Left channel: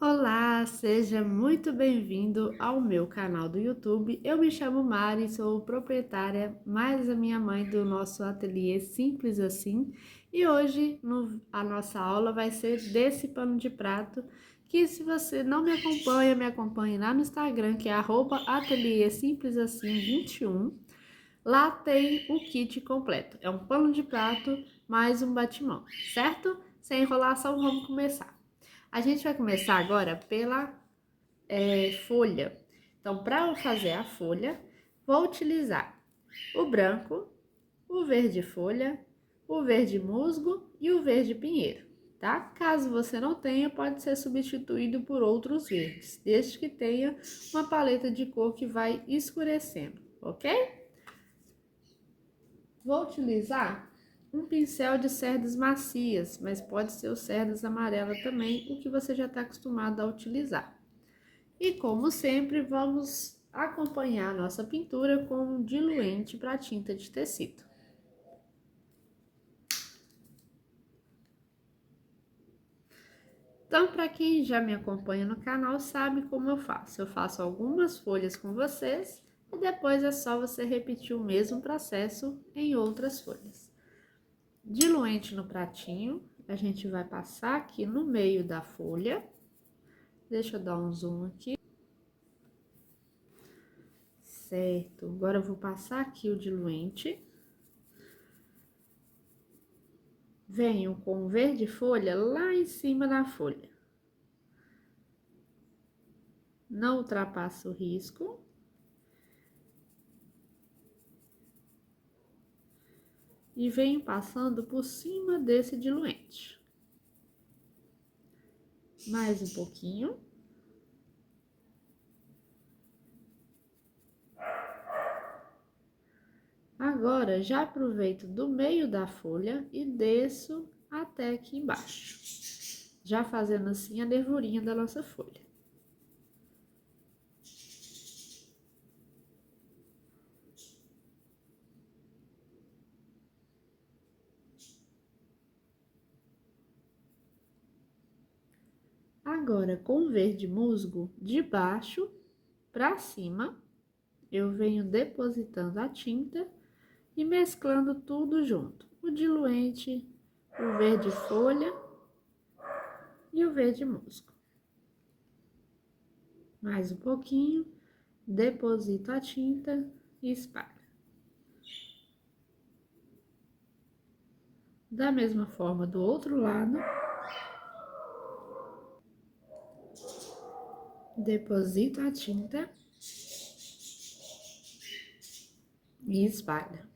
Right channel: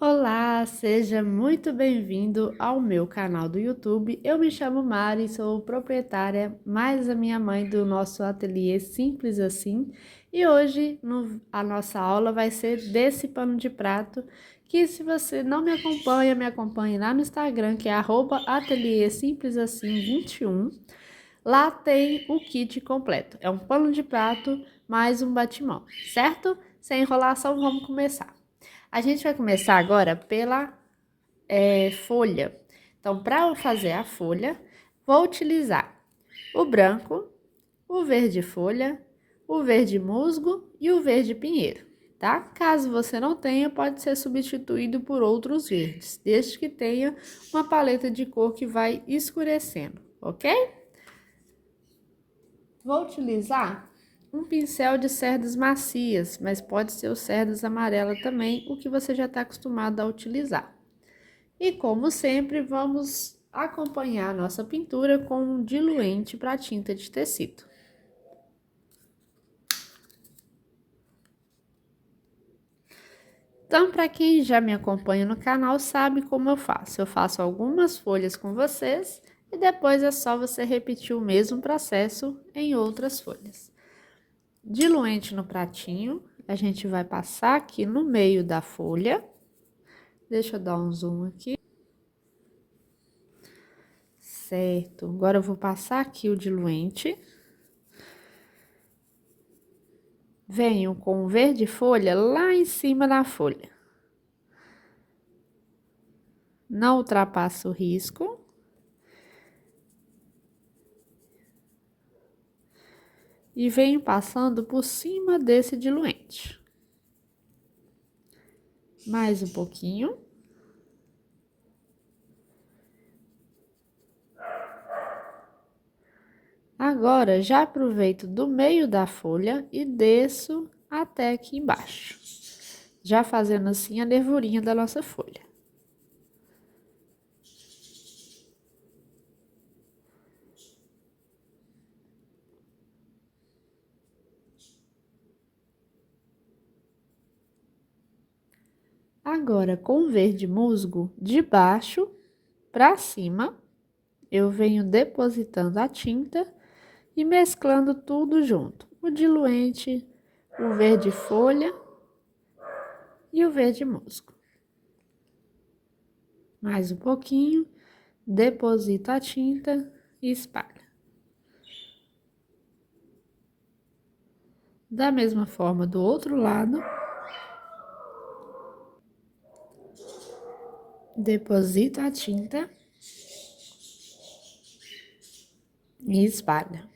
Olá, seja muito bem-vindo ao meu canal do YouTube. Eu me chamo Mari, sou proprietária mais a minha mãe do nosso ateliê Simples Assim. E hoje a nossa aula vai ser desse pano de prato, que se você não me acompanhe lá no Instagram, que é @ateliê simples assim 21. Lá tem o kit completo. É um pano de prato mais um batimão, certo? Sem enrolação, vamos começar. A gente vai começar agora pela folha. Então, para fazer a folha, vou utilizar o branco, o verde folha, o verde musgo e o verde pinheiro, tá? Caso você não tenha, pode ser substituído por outros verdes, desde que tenha uma paleta de cor que vai escurecendo, ok? Vou utilizar um pincel de cerdas macias, mas pode ser o cerdas amarela também, o que você já está acostumado a utilizar. E como sempre, vamos acompanhar a nossa pintura com um diluente para tinta de tecido. Então, para quem já me acompanha no canal, sabe como eu faço. Eu faço algumas folhas com vocês e depois é só você repetir o mesmo processo em outras folhas. Diluente no pratinho, a gente vai passar aqui no meio da folha. Deixa eu dar um zoom aqui. Certo, agora eu vou passar aqui o diluente. Venho com o verde folha lá em cima da folha. Não ultrapassa o risco. E venho passando por cima desse diluente. Mais um pouquinho. Agora, já aproveito do meio da folha e desço até aqui embaixo. Já fazendo assim a nervurinha da nossa folha. Agora, com o verde musgo, de baixo para cima, eu venho depositando a tinta e mesclando tudo junto. O diluente, o verde folha e o verde musgo. Mais um pouquinho, deposito a tinta e espalho. Da mesma forma do outro lado, deposita a tinta e espalha.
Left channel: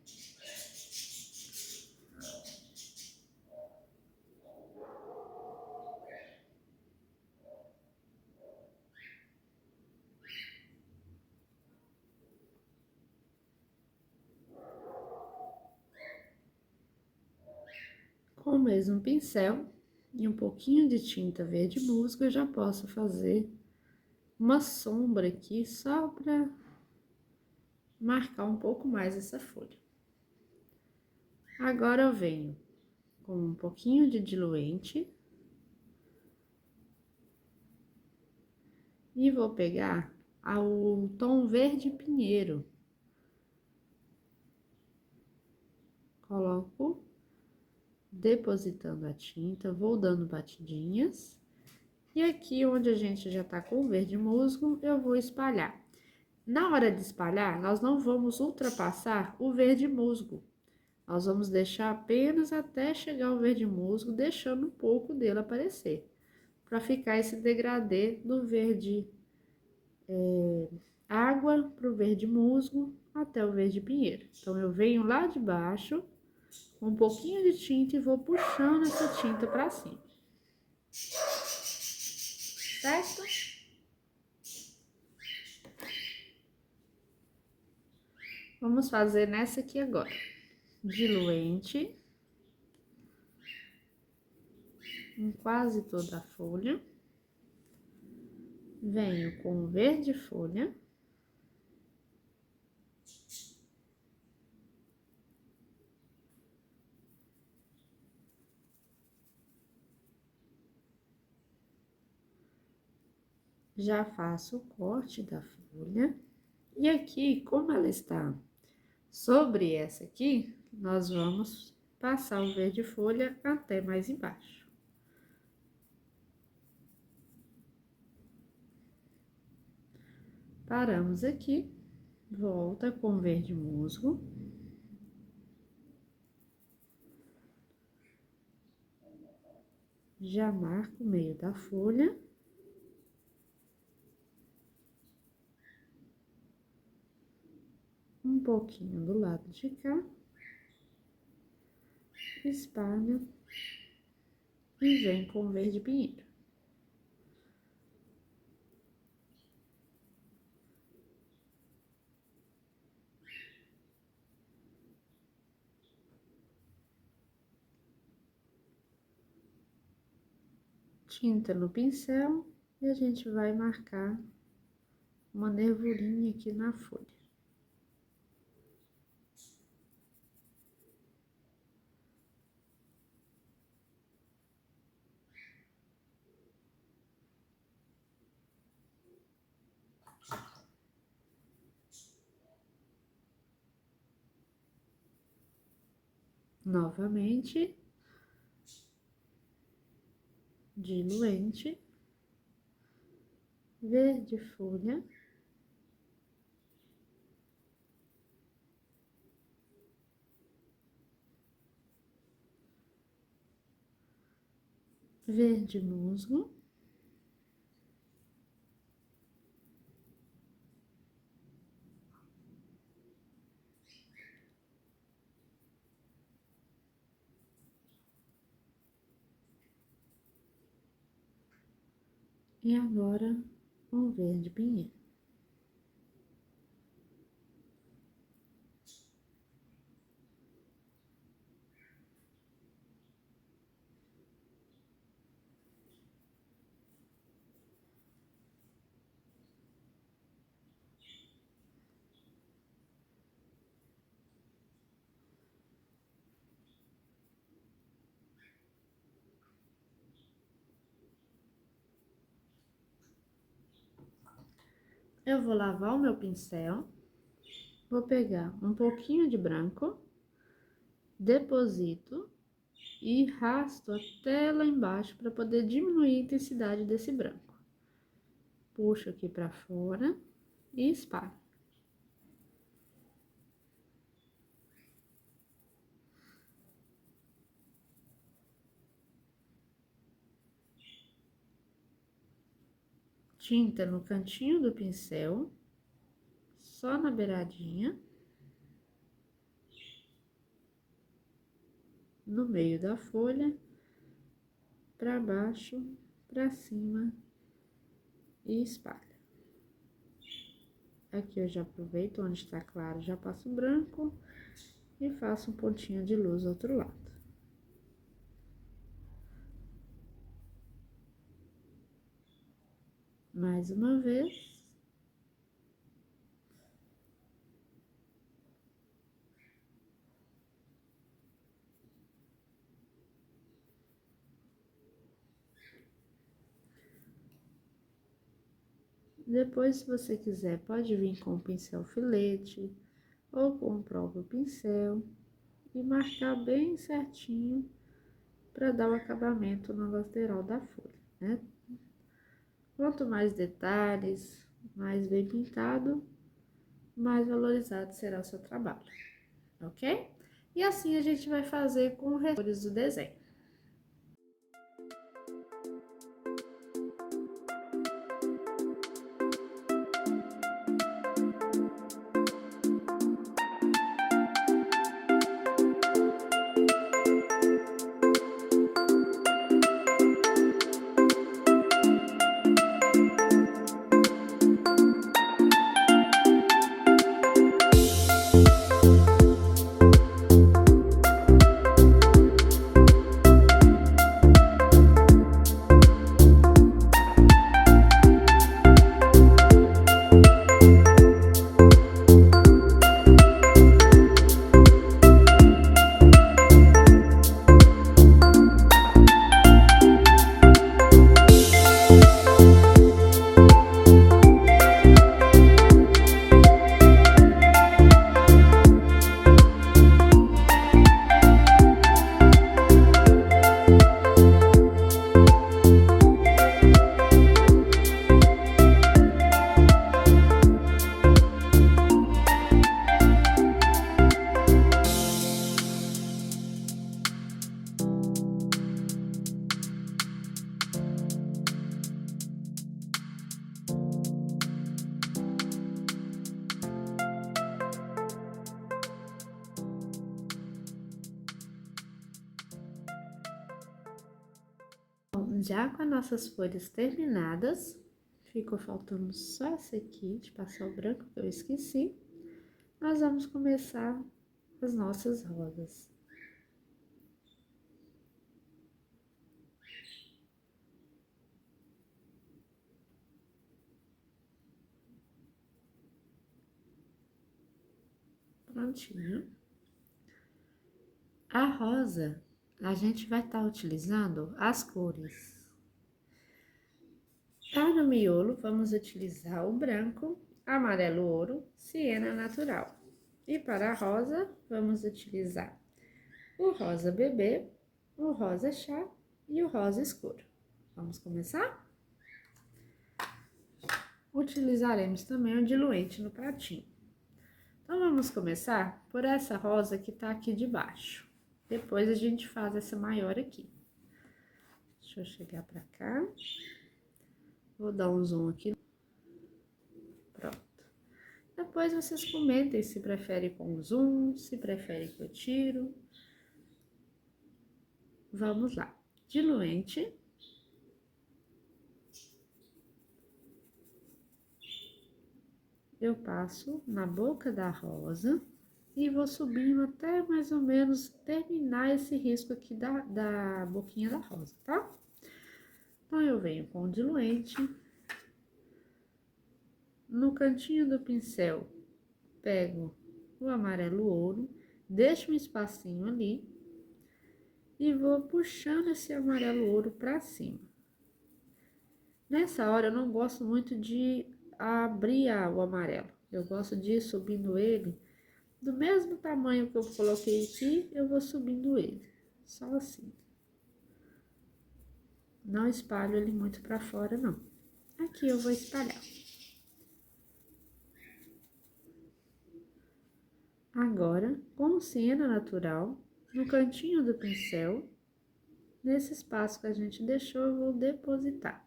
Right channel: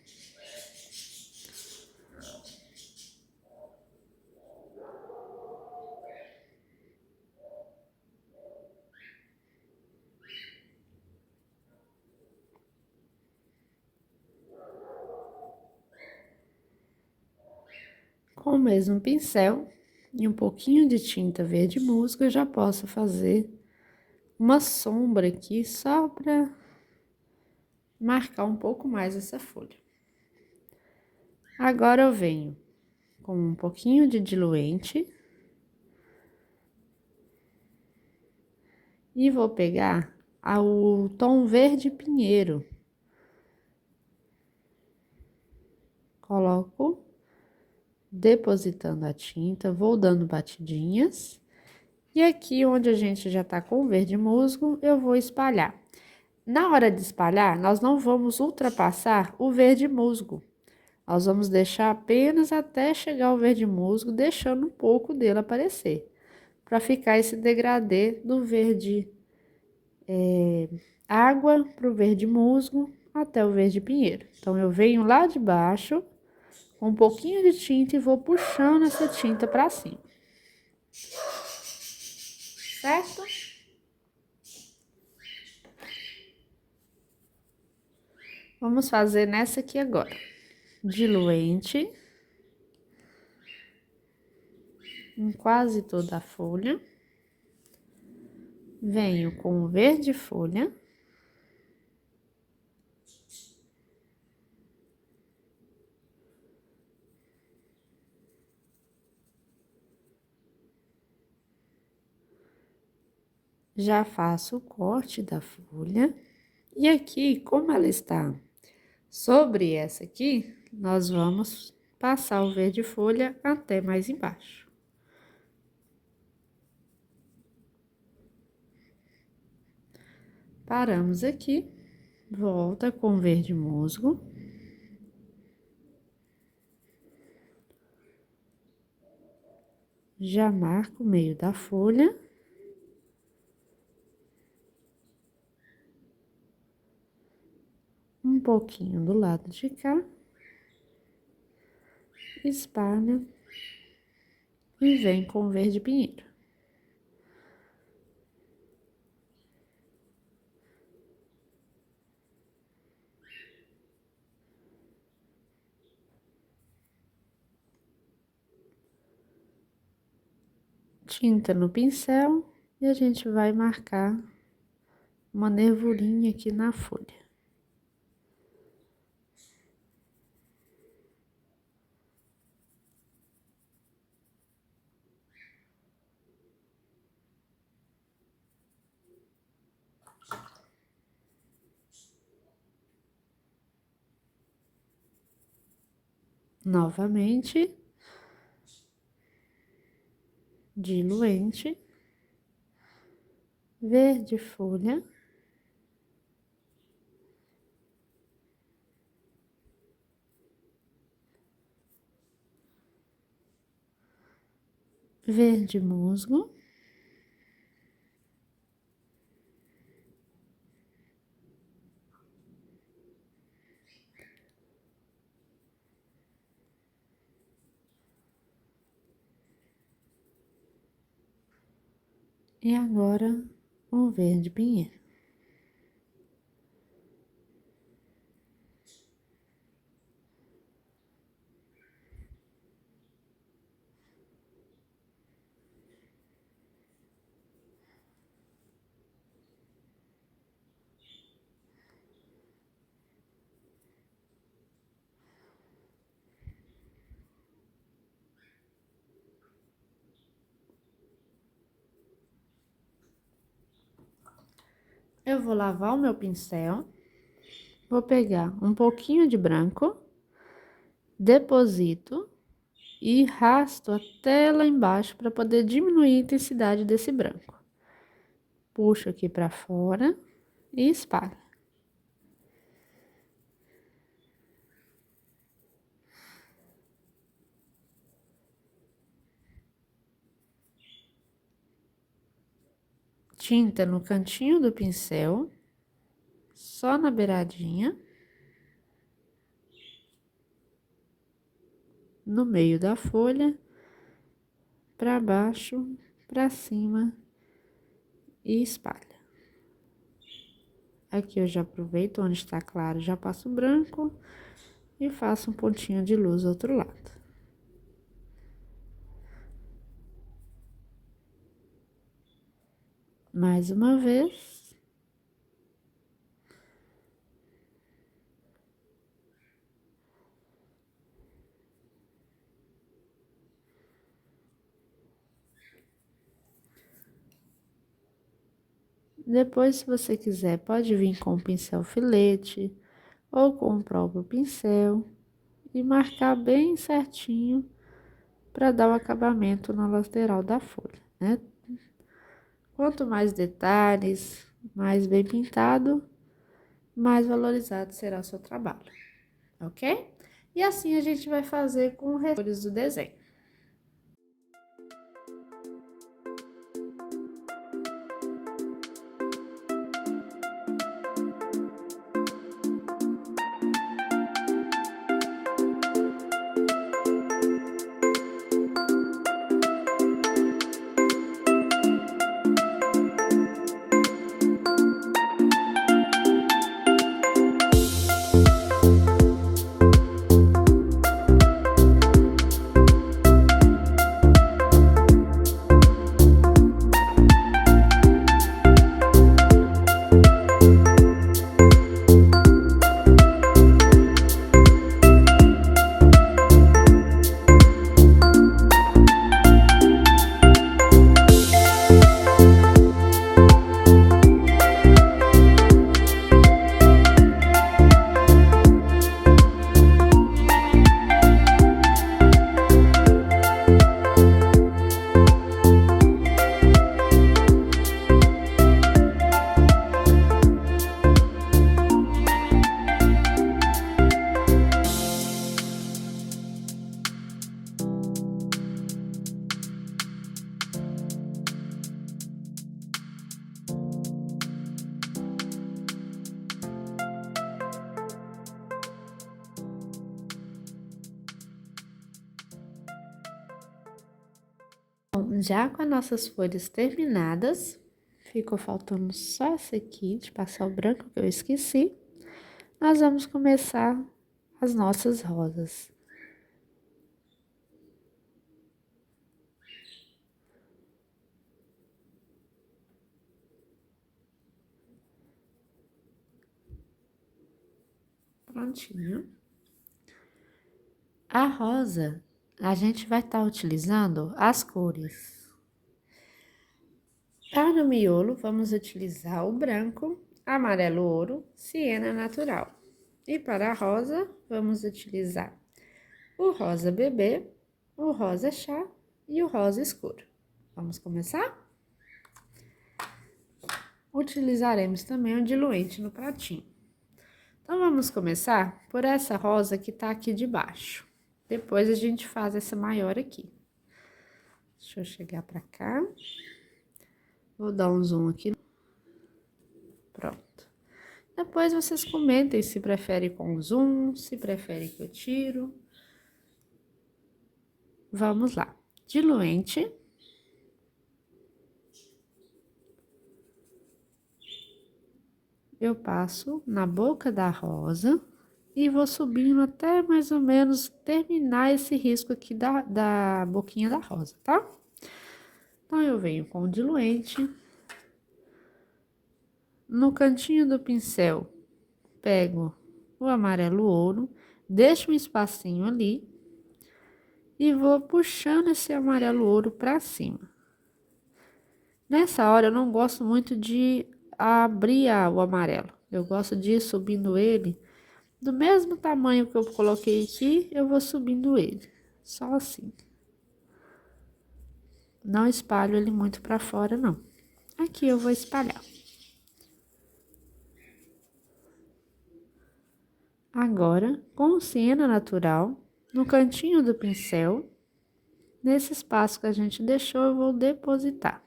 Com o mesmo pincel e um pouquinho de tinta verde musgo, eu já posso fazer uma sombra aqui só para marcar um pouco mais essa folha. Agora eu venho com um pouquinho de diluente e vou pegar o tom verde pinheiro. Coloco, depositando a tinta, vou dando batidinhas. E aqui onde a gente já tá com o verde musgo, eu vou espalhar. Na hora de espalhar, nós não vamos ultrapassar o verde musgo. Nós vamos deixar apenas até chegar ao verde musgo, deixando um pouco dele aparecer. Para ficar esse degradê do verde água para o verde musgo até o verde pinheiro. Então, eu venho lá de baixo com um pouquinho de tinta e vou puxando essa tinta para cima. Certo? Vamos fazer nessa aqui agora. Diluente em quase toda a folha. Venho com o verde folha. Já faço o corte da folha. E aqui, como ela está sobre essa aqui, nós vamos passar o verde folha até mais embaixo. Paramos aqui, volta com verde musgo. Já marco o meio da folha. Um pouquinho do lado de cá. Espalha e vem com verde pinheiro. Tinta no pincel e a gente vai marcar uma nervurinha aqui na folha. Novamente, diluente, verde folha, verde musgo, e agora um verde pinheiro. Eu vou lavar o meu pincel, vou pegar um pouquinho de branco, deposito e rasto até lá embaixo para poder diminuir a intensidade desse branco. Puxo aqui para fora e espalho. Tinta no cantinho do pincel, só na beiradinha, no meio da folha, para baixo, para cima e espalha. Aqui eu já aproveito onde está claro, já passo branco e faço um pontinho de luz do outro lado. Mais uma vez. Depois, se você quiser, pode vir com o pincel filete ou com o próprio pincel e marcar bem certinho para dar o acabamento na lateral da folha, né? Quanto mais detalhes, mais bem pintado, mais valorizado será o seu trabalho, ok? E assim a gente vai fazer com os restores do desenho. Já com as nossas folhas terminadas, ficou faltando só essa aqui, de passar o branco que eu esqueci. Nós vamos começar as nossas rosas. Prontinho. A rosa, a gente vai estar utilizando as cores. Para o miolo, vamos utilizar o branco, amarelo ouro, siena natural. E para a rosa, vamos utilizar o rosa bebê, o rosa chá e o rosa escuro. Vamos começar? Utilizaremos também o diluente no pratinho. Então, vamos começar por essa rosa que tá aqui de baixo. Depois, a gente faz essa maior aqui. Deixa eu chegar pra cá. Vou dar um zoom aqui. Pronto. Depois, vocês comentem se prefere com zoom, se prefere que eu tiro. Vamos lá. Diluente. Eu passo na boca da rosa e vou subindo até mais ou menos terminar esse risco aqui da boquinha da rosa, tá? Então, eu venho com o diluente. No cantinho do pincel, pego o amarelo ouro, deixo um espacinho ali e vou puxando esse amarelo ouro pra cima. Nessa hora, eu não gosto muito de abrir o amarelo. Eu gosto de ir subindo ele do mesmo tamanho que eu coloquei aqui, eu vou subindo ele, só assim. Não espalho ele muito pra fora, não. Aqui eu vou espalhar. Agora, com siena natural, no cantinho do pincel, nesse espaço que a gente deixou, eu vou depositar.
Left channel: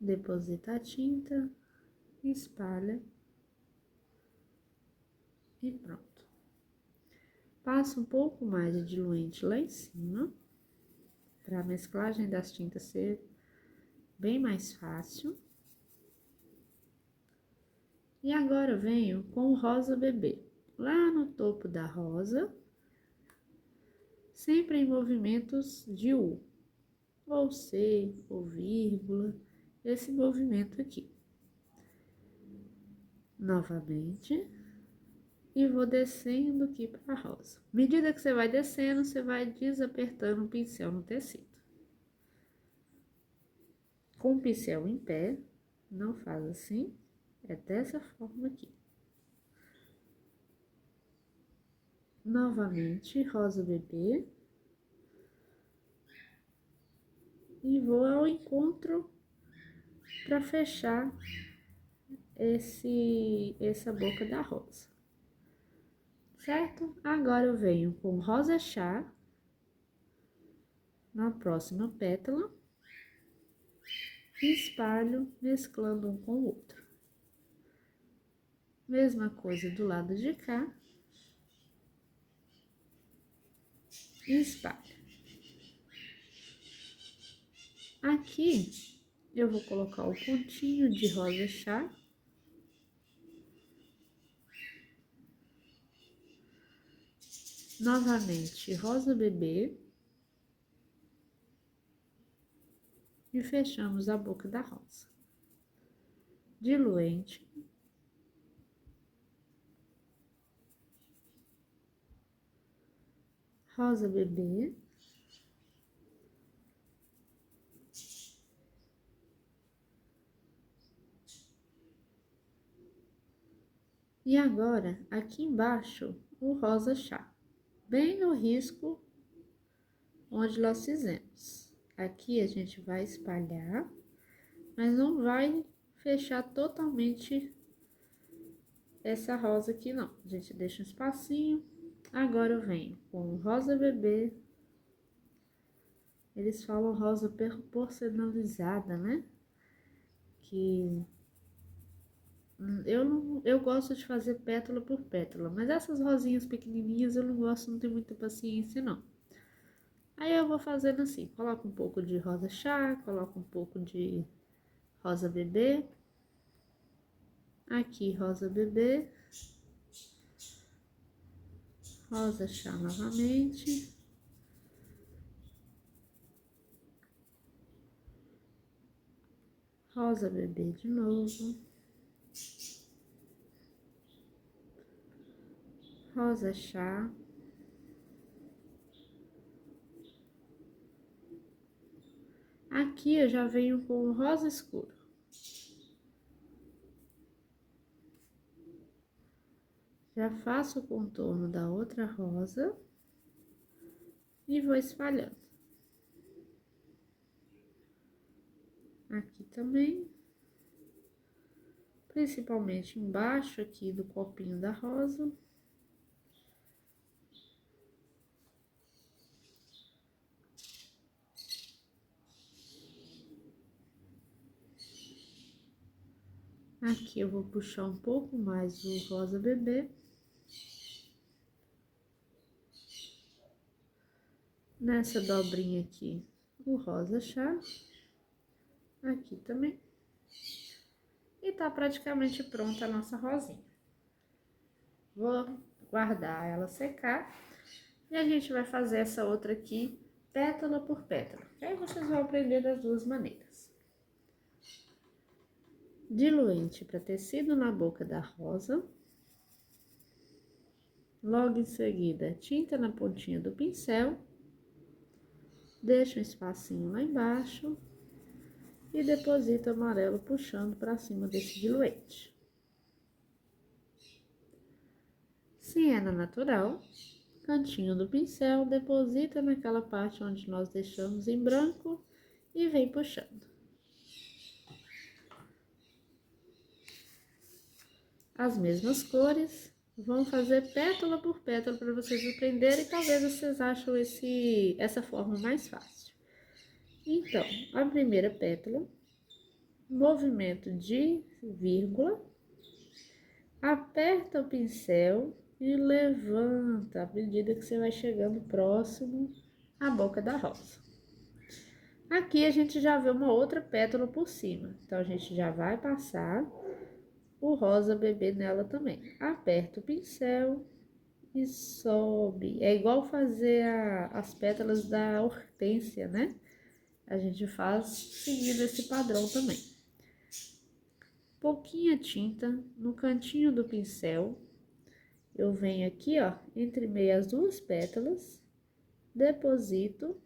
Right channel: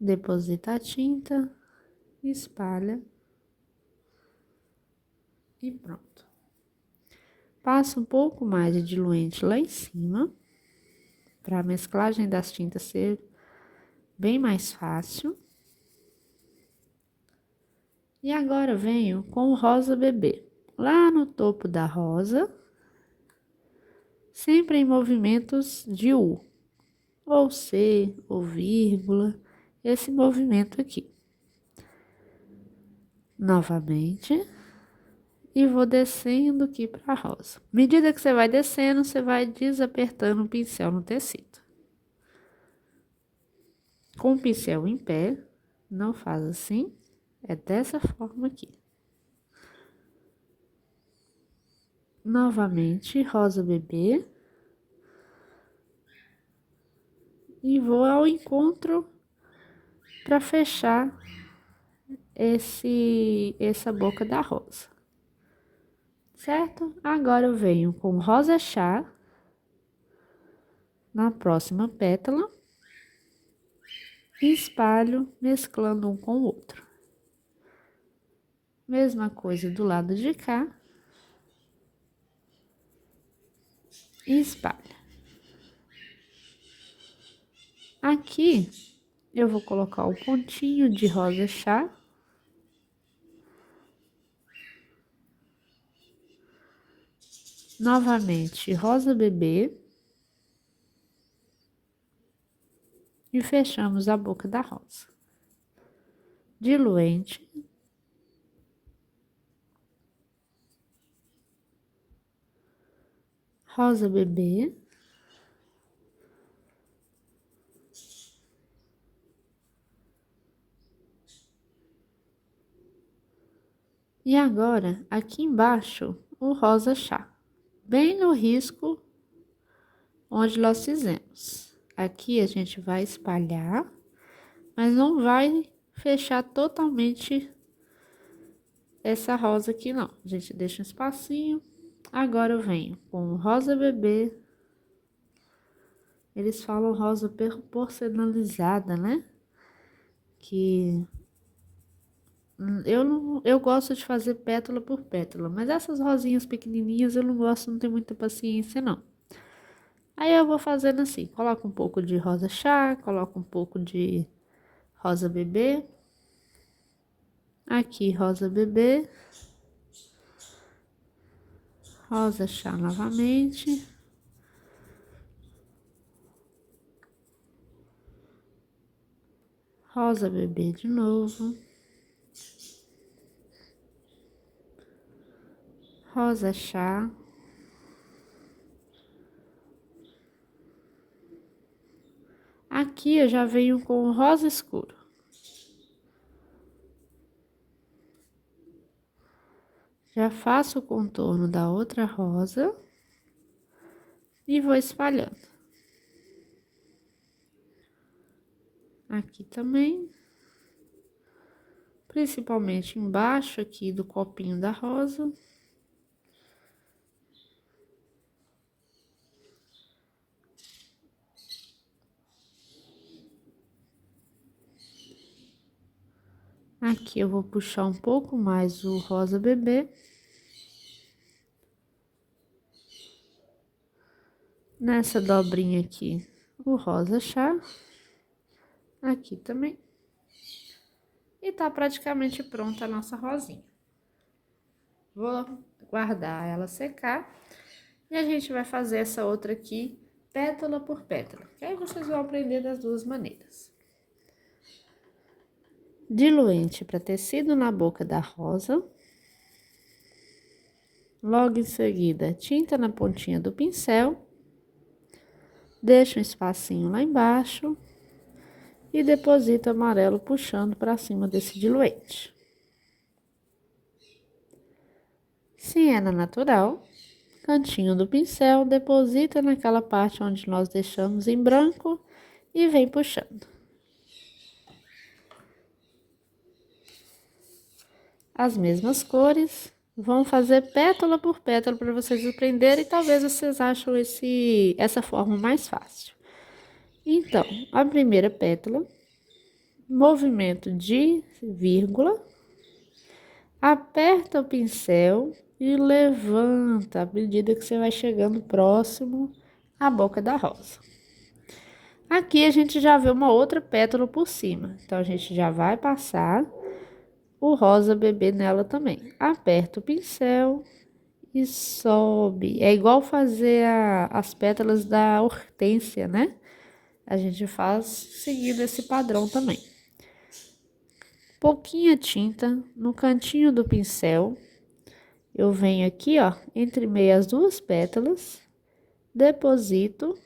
Deposita a tinta, espalha e pronto. Passa um pouco mais de diluente lá em cima, para a mesclagem das tintas ser bem mais fácil. E agora eu venho com o rosa bebê. Lá no topo da rosa, sempre em movimentos de U, ou C, ou vírgula, esse movimento aqui. Novamente, e vou descendo aqui para a rosa. À medida que você vai descendo, você vai desapertando o pincel no tecido. Com o pincel em pé, não faz assim, é dessa forma aqui. Novamente, rosa bebê. E vou ao encontro para fechar essa boca da rosa. Certo? Agora eu venho com rosa chá na próxima pétala e espalho mesclando um com o outro. Mesma coisa do lado de cá. E espalha. Aqui eu vou colocar o pontinho de rosa chá. Novamente, rosa bebê. E fechamos a boca da rosa. Diluente. Rosa bebê. E agora, aqui embaixo, o rosa chá. Bem no risco onde nós fizemos. Aqui a gente vai espalhar, mas não vai fechar totalmente essa rosa aqui, não. A gente deixa um espacinho. Agora eu venho com rosa bebê. Eles falam rosa porcelanizada, né? Que eu gosto de fazer pétala por pétala, mas essas rosinhas pequenininhas eu não gosto, não tenho muita paciência, não. Aí eu vou fazendo assim, coloco um pouco de rosa chá, coloco um pouco de rosa bebê. Aqui, rosa bebê. Rosa chá novamente. Rosa bebê de novo. Rosa chá. Aqui eu já venho com rosa escuro. Já faço o contorno da outra rosa e vou espalhando. Aqui também. Principalmente embaixo aqui do copinho da rosa. Aqui eu vou puxar um pouco mais o rosa bebê. Nessa dobrinha aqui, o rosa chá. Aqui também. E tá praticamente pronta a nossa rosinha. Vou guardar ela secar. E a gente vai fazer essa outra aqui, pétala por pétala. Que aí vocês vão aprender das duas maneiras. Diluente para tecido na boca da rosa. Logo em seguida, tinta na pontinha do pincel. Deixa um espacinho lá embaixo. E deposita amarelo puxando para cima desse diluente. Siena natural. Cantinho do pincel, deposita naquela parte onde nós deixamos em branco e vem puxando. As mesmas cores, vão fazer pétala por pétala para vocês aprenderem e talvez vocês acham essa forma mais fácil. Então, a primeira pétala, movimento de vírgula, aperta o pincel e levanta à medida que você vai chegando próximo à boca da rosa. Aqui a gente já vê uma outra pétala por cima, então a gente já vai passar o rosa bebê nela também. Aperta o pincel e sobe. É igual fazer as pétalas da hortênsia, né? A gente faz seguindo esse padrão também. Pouquinha tinta no cantinho do pincel. Eu venho aqui, ó, entre meio as duas pétalas, deposito,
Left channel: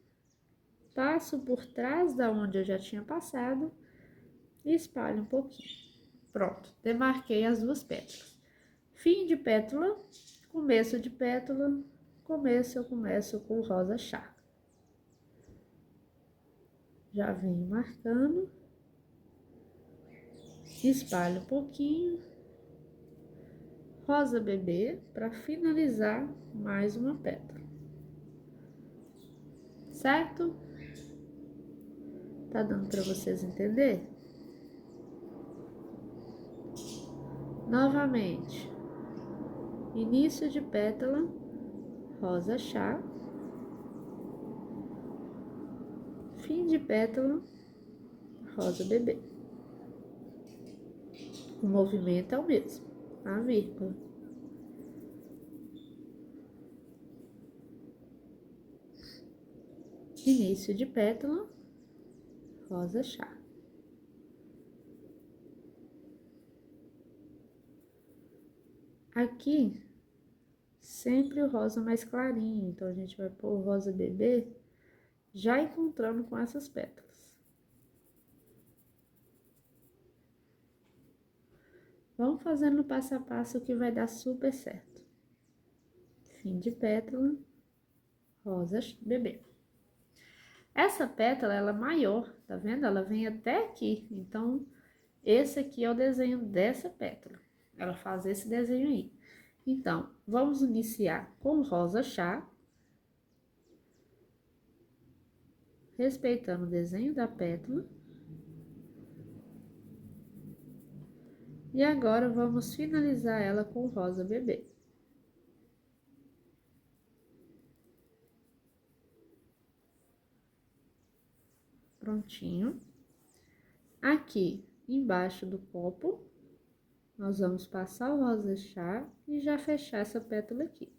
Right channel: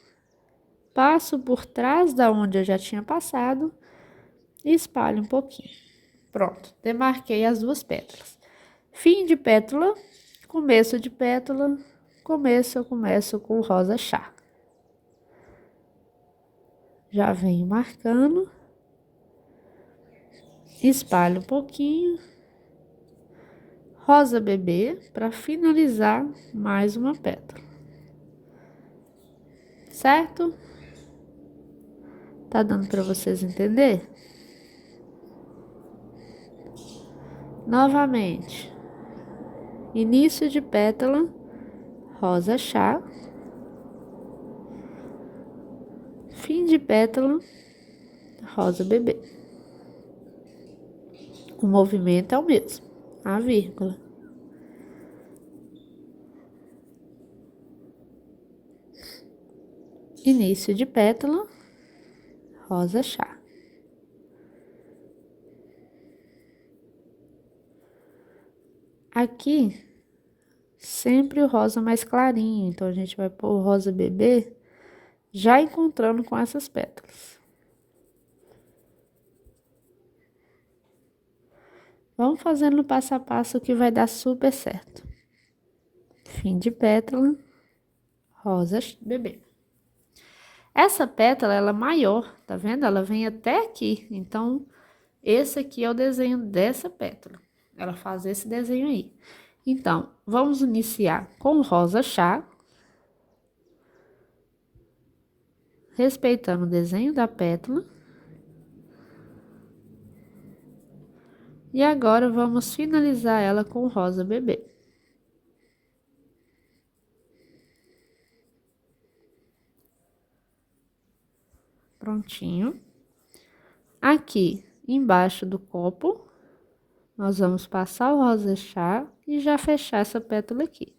passo por trás da onde eu já tinha passado e espalho um pouquinho. Pronto, demarquei as duas pétalas. Fim de pétala, começo de pétala, eu começo com o rosa chá. Já venho marcando, espalho um pouquinho, rosa bebê, para finalizar mais uma pétala. Certo? Tá dando para vocês entender? Novamente, início de pétala, rosa chá, fim de pétala, rosa bebê. O movimento é o mesmo, a vírgula. Início de pétala, rosa chá. Aqui, sempre o rosa mais clarinho, então a gente vai pôr o rosa bebê já encontrando com essas pétalas. Vamos fazendo passo a passo que vai dar super certo. Fim de pétala, rosa bebê. Essa pétala, ela é maior, tá vendo? Ela vem até aqui, então, esse aqui é o desenho dessa pétala. Ela faz esse desenho aí. Então, vamos iniciar com o rosa chá, respeitando o desenho da pétala. E agora, vamos finalizar ela com o rosa bebê. Prontinho. Aqui, embaixo do copo, nós vamos passar o rosa chá e já fechar essa pétala aqui.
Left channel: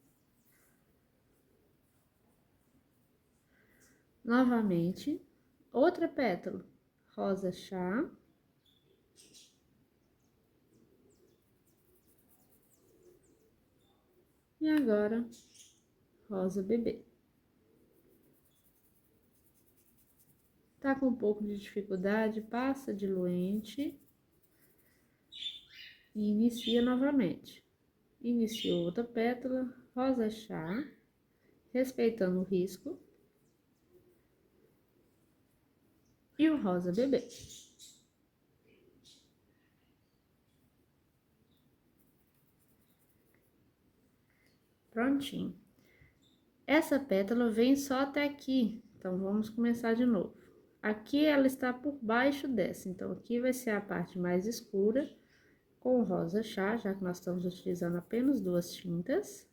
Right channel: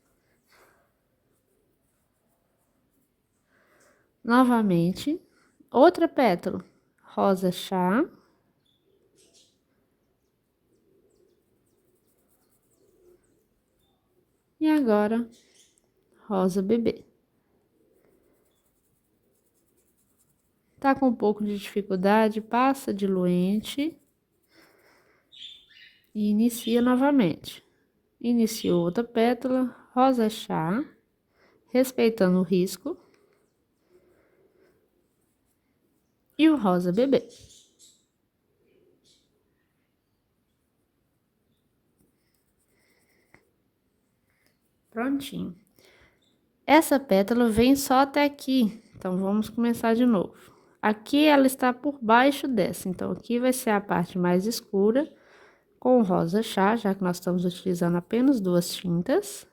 Novamente, outra pétala, rosa chá. E agora, rosa bebê. Tá com um pouco de dificuldade, passa diluente e inicia novamente. Iniciou outra pétala, rosa chá, respeitando o risco. E o rosa bebê. Prontinho. Essa pétala vem só até aqui, então vamos começar de novo. Aqui ela está por baixo dessa, então aqui vai ser a parte mais escura, com o rosa chá, já que nós estamos utilizando apenas 2 tintas.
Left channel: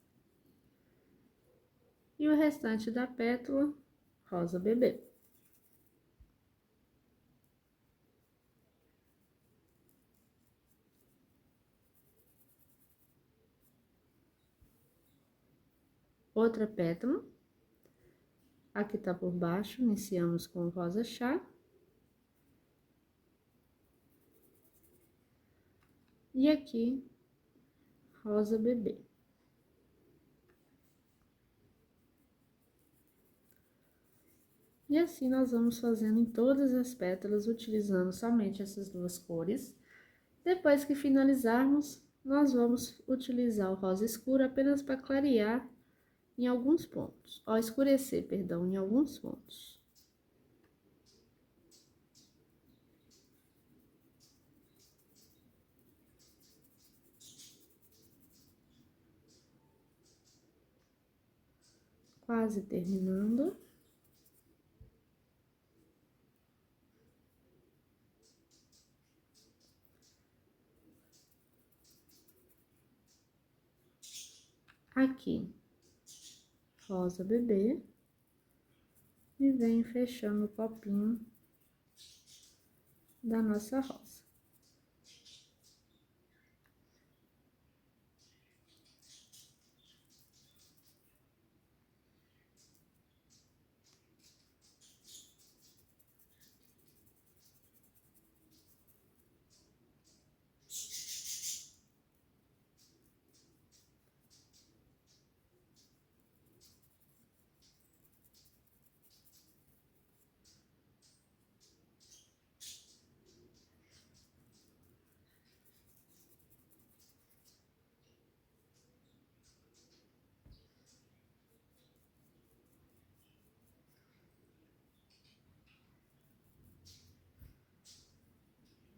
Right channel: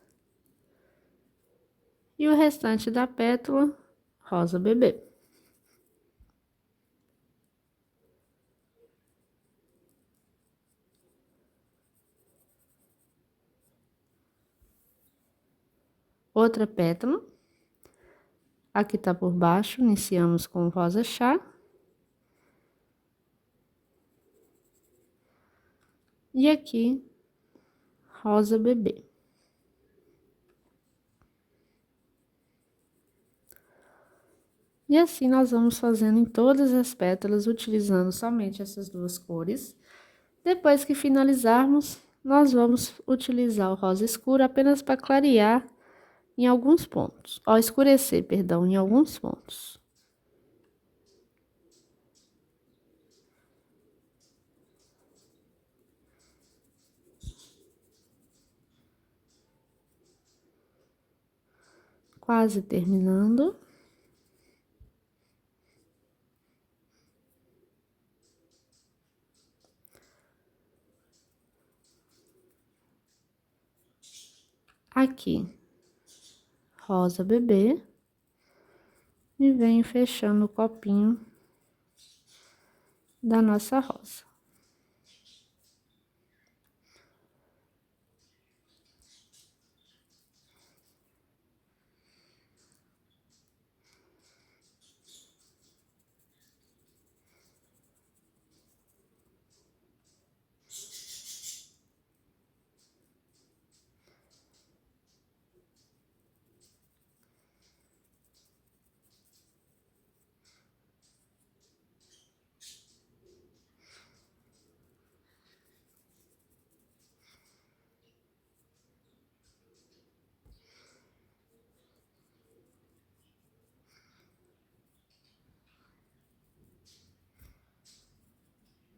E o restante da pétala, rosa bebê. Outra pétala. Aqui tá por baixo, iniciamos com o rosa chá. E aqui, rosa bebê. E assim nós vamos fazendo em todas as pétalas, utilizando somente essas 2 cores. Depois que finalizarmos, nós vamos utilizar o rosa escuro apenas para clarear em alguns pontos. Ó, escurecer, perdão, em alguns pontos. Quase terminando. Aqui, rosa bebê. E venho fechando o copinho da nossa rosa.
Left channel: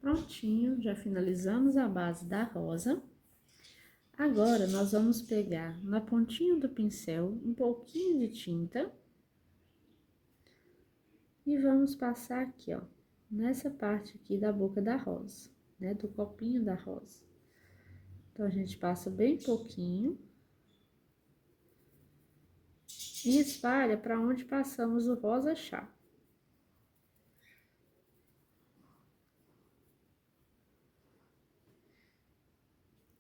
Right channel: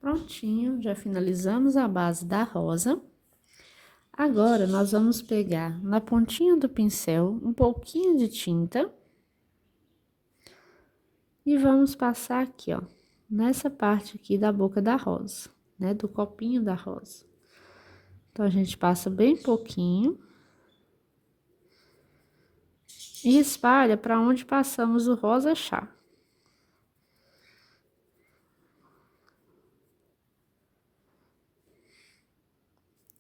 Prontinho, já finalizamos a base da rosa. Agora, nós vamos pegar na pontinha do pincel um pouquinho de tinta. E vamos passar aqui, ó, nessa parte aqui da boca da rosa, né, do copinho da rosa. Então, a gente passa bem pouquinho. E espalha para onde passamos o rosa chá.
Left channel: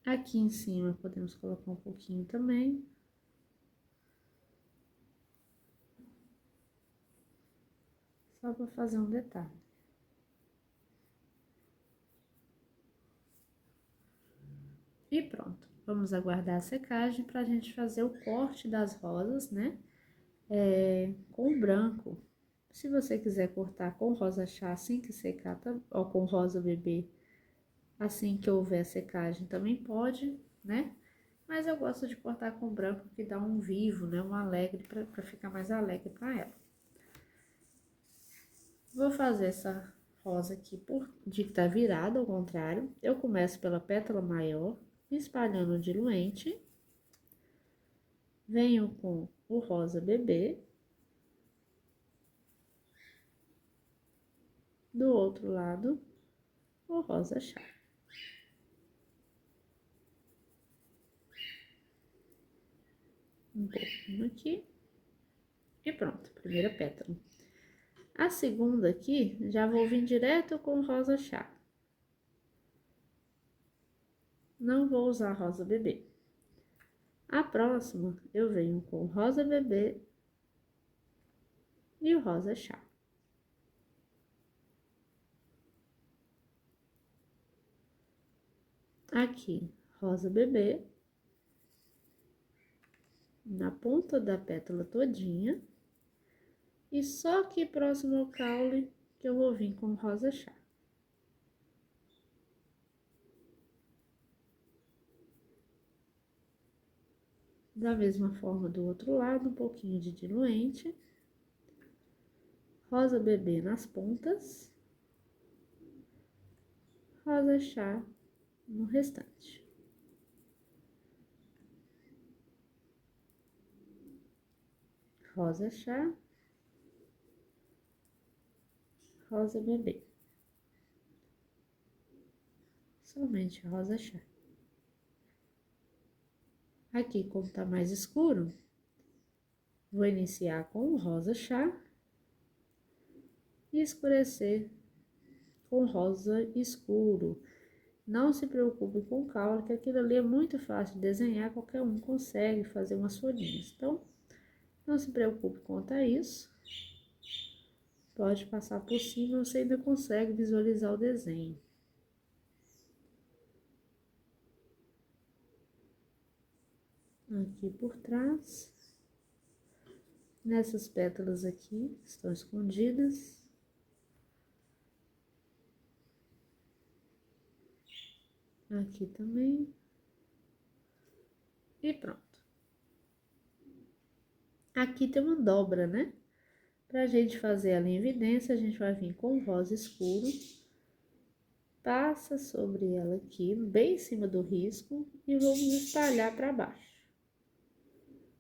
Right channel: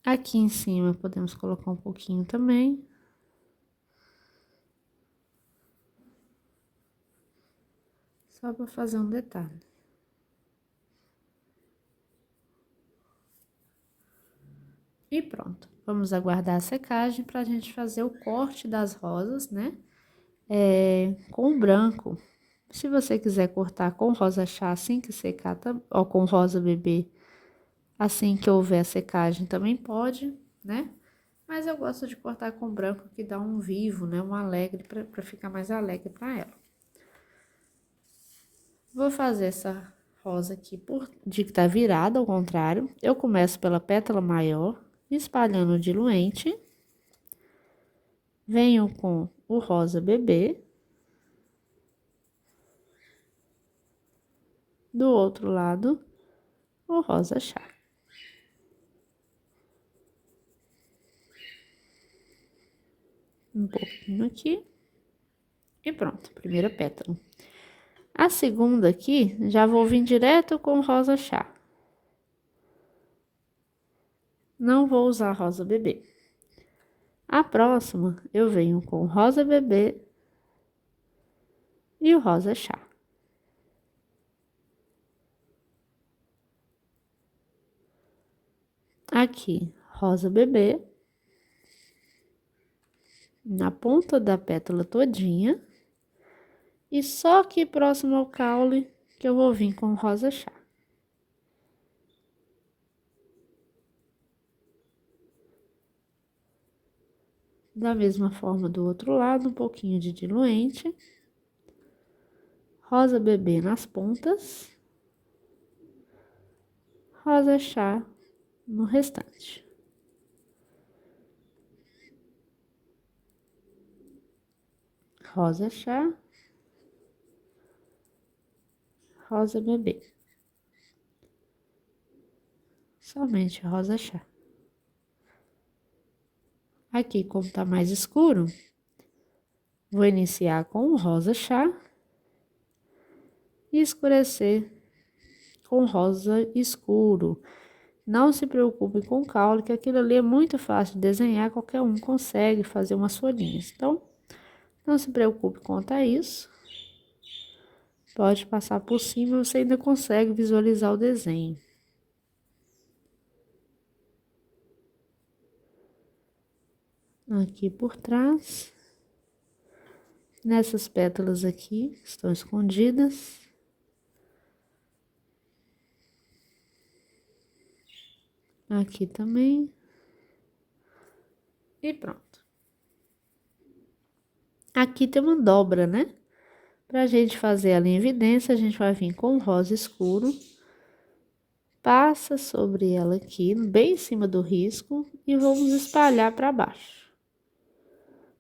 Aqui em cima, podemos colocar um pouquinho também. Só para fazer um detalhe. E pronto. Vamos aguardar a secagem para a gente fazer o corte das rosas, né? Com o branco. Se você quiser cortar com rosa chá assim que secar, ou com rosa bebê, assim que houver a secagem também pode, né? Mas eu gosto de cortar com branco, que dá um vivo, né? Um alegre, para ficar mais alegre para ela. Vou fazer essa rosa aqui de que tá virada ao contrário. Eu começo pela pétala maior, espalhando o diluente. Venho com o rosa bebê. Do outro lado, o rosa chá. Um pouquinho aqui. E pronto, primeira pétala. A segunda aqui, já vou vir direto com rosa chá. Não vou usar rosa bebê. A próxima, eu venho com rosa bebê e o rosa chá. Aqui, rosa bebê. Na ponta da pétala todinha. E só aqui próximo ao caule que eu vou vir com rosa chá. Da mesma forma do outro lado, um pouquinho de diluente. Rosa bebê nas pontas. Rosa chá no restante. Rosa chá. Rosa bebê. Somente rosa chá. Aqui, como tá mais escuro, vou iniciar com o rosa chá e escurecer com rosa escuro. Não se preocupe com caule, que aquilo ali é muito fácil de desenhar, qualquer um consegue fazer umas folhinhas. Então, não se preocupe quanto a isso. Pode passar por cima, você ainda consegue visualizar o desenho. Aqui por trás. Nessas pétalas aqui, que estão escondidas. Aqui também. E pronto. Aqui tem uma dobra, né? Pra gente fazer ela em evidência, a gente vai vir com rosa escuro. Passa sobre ela aqui, bem em cima do risco, e vamos espalhar para baixo.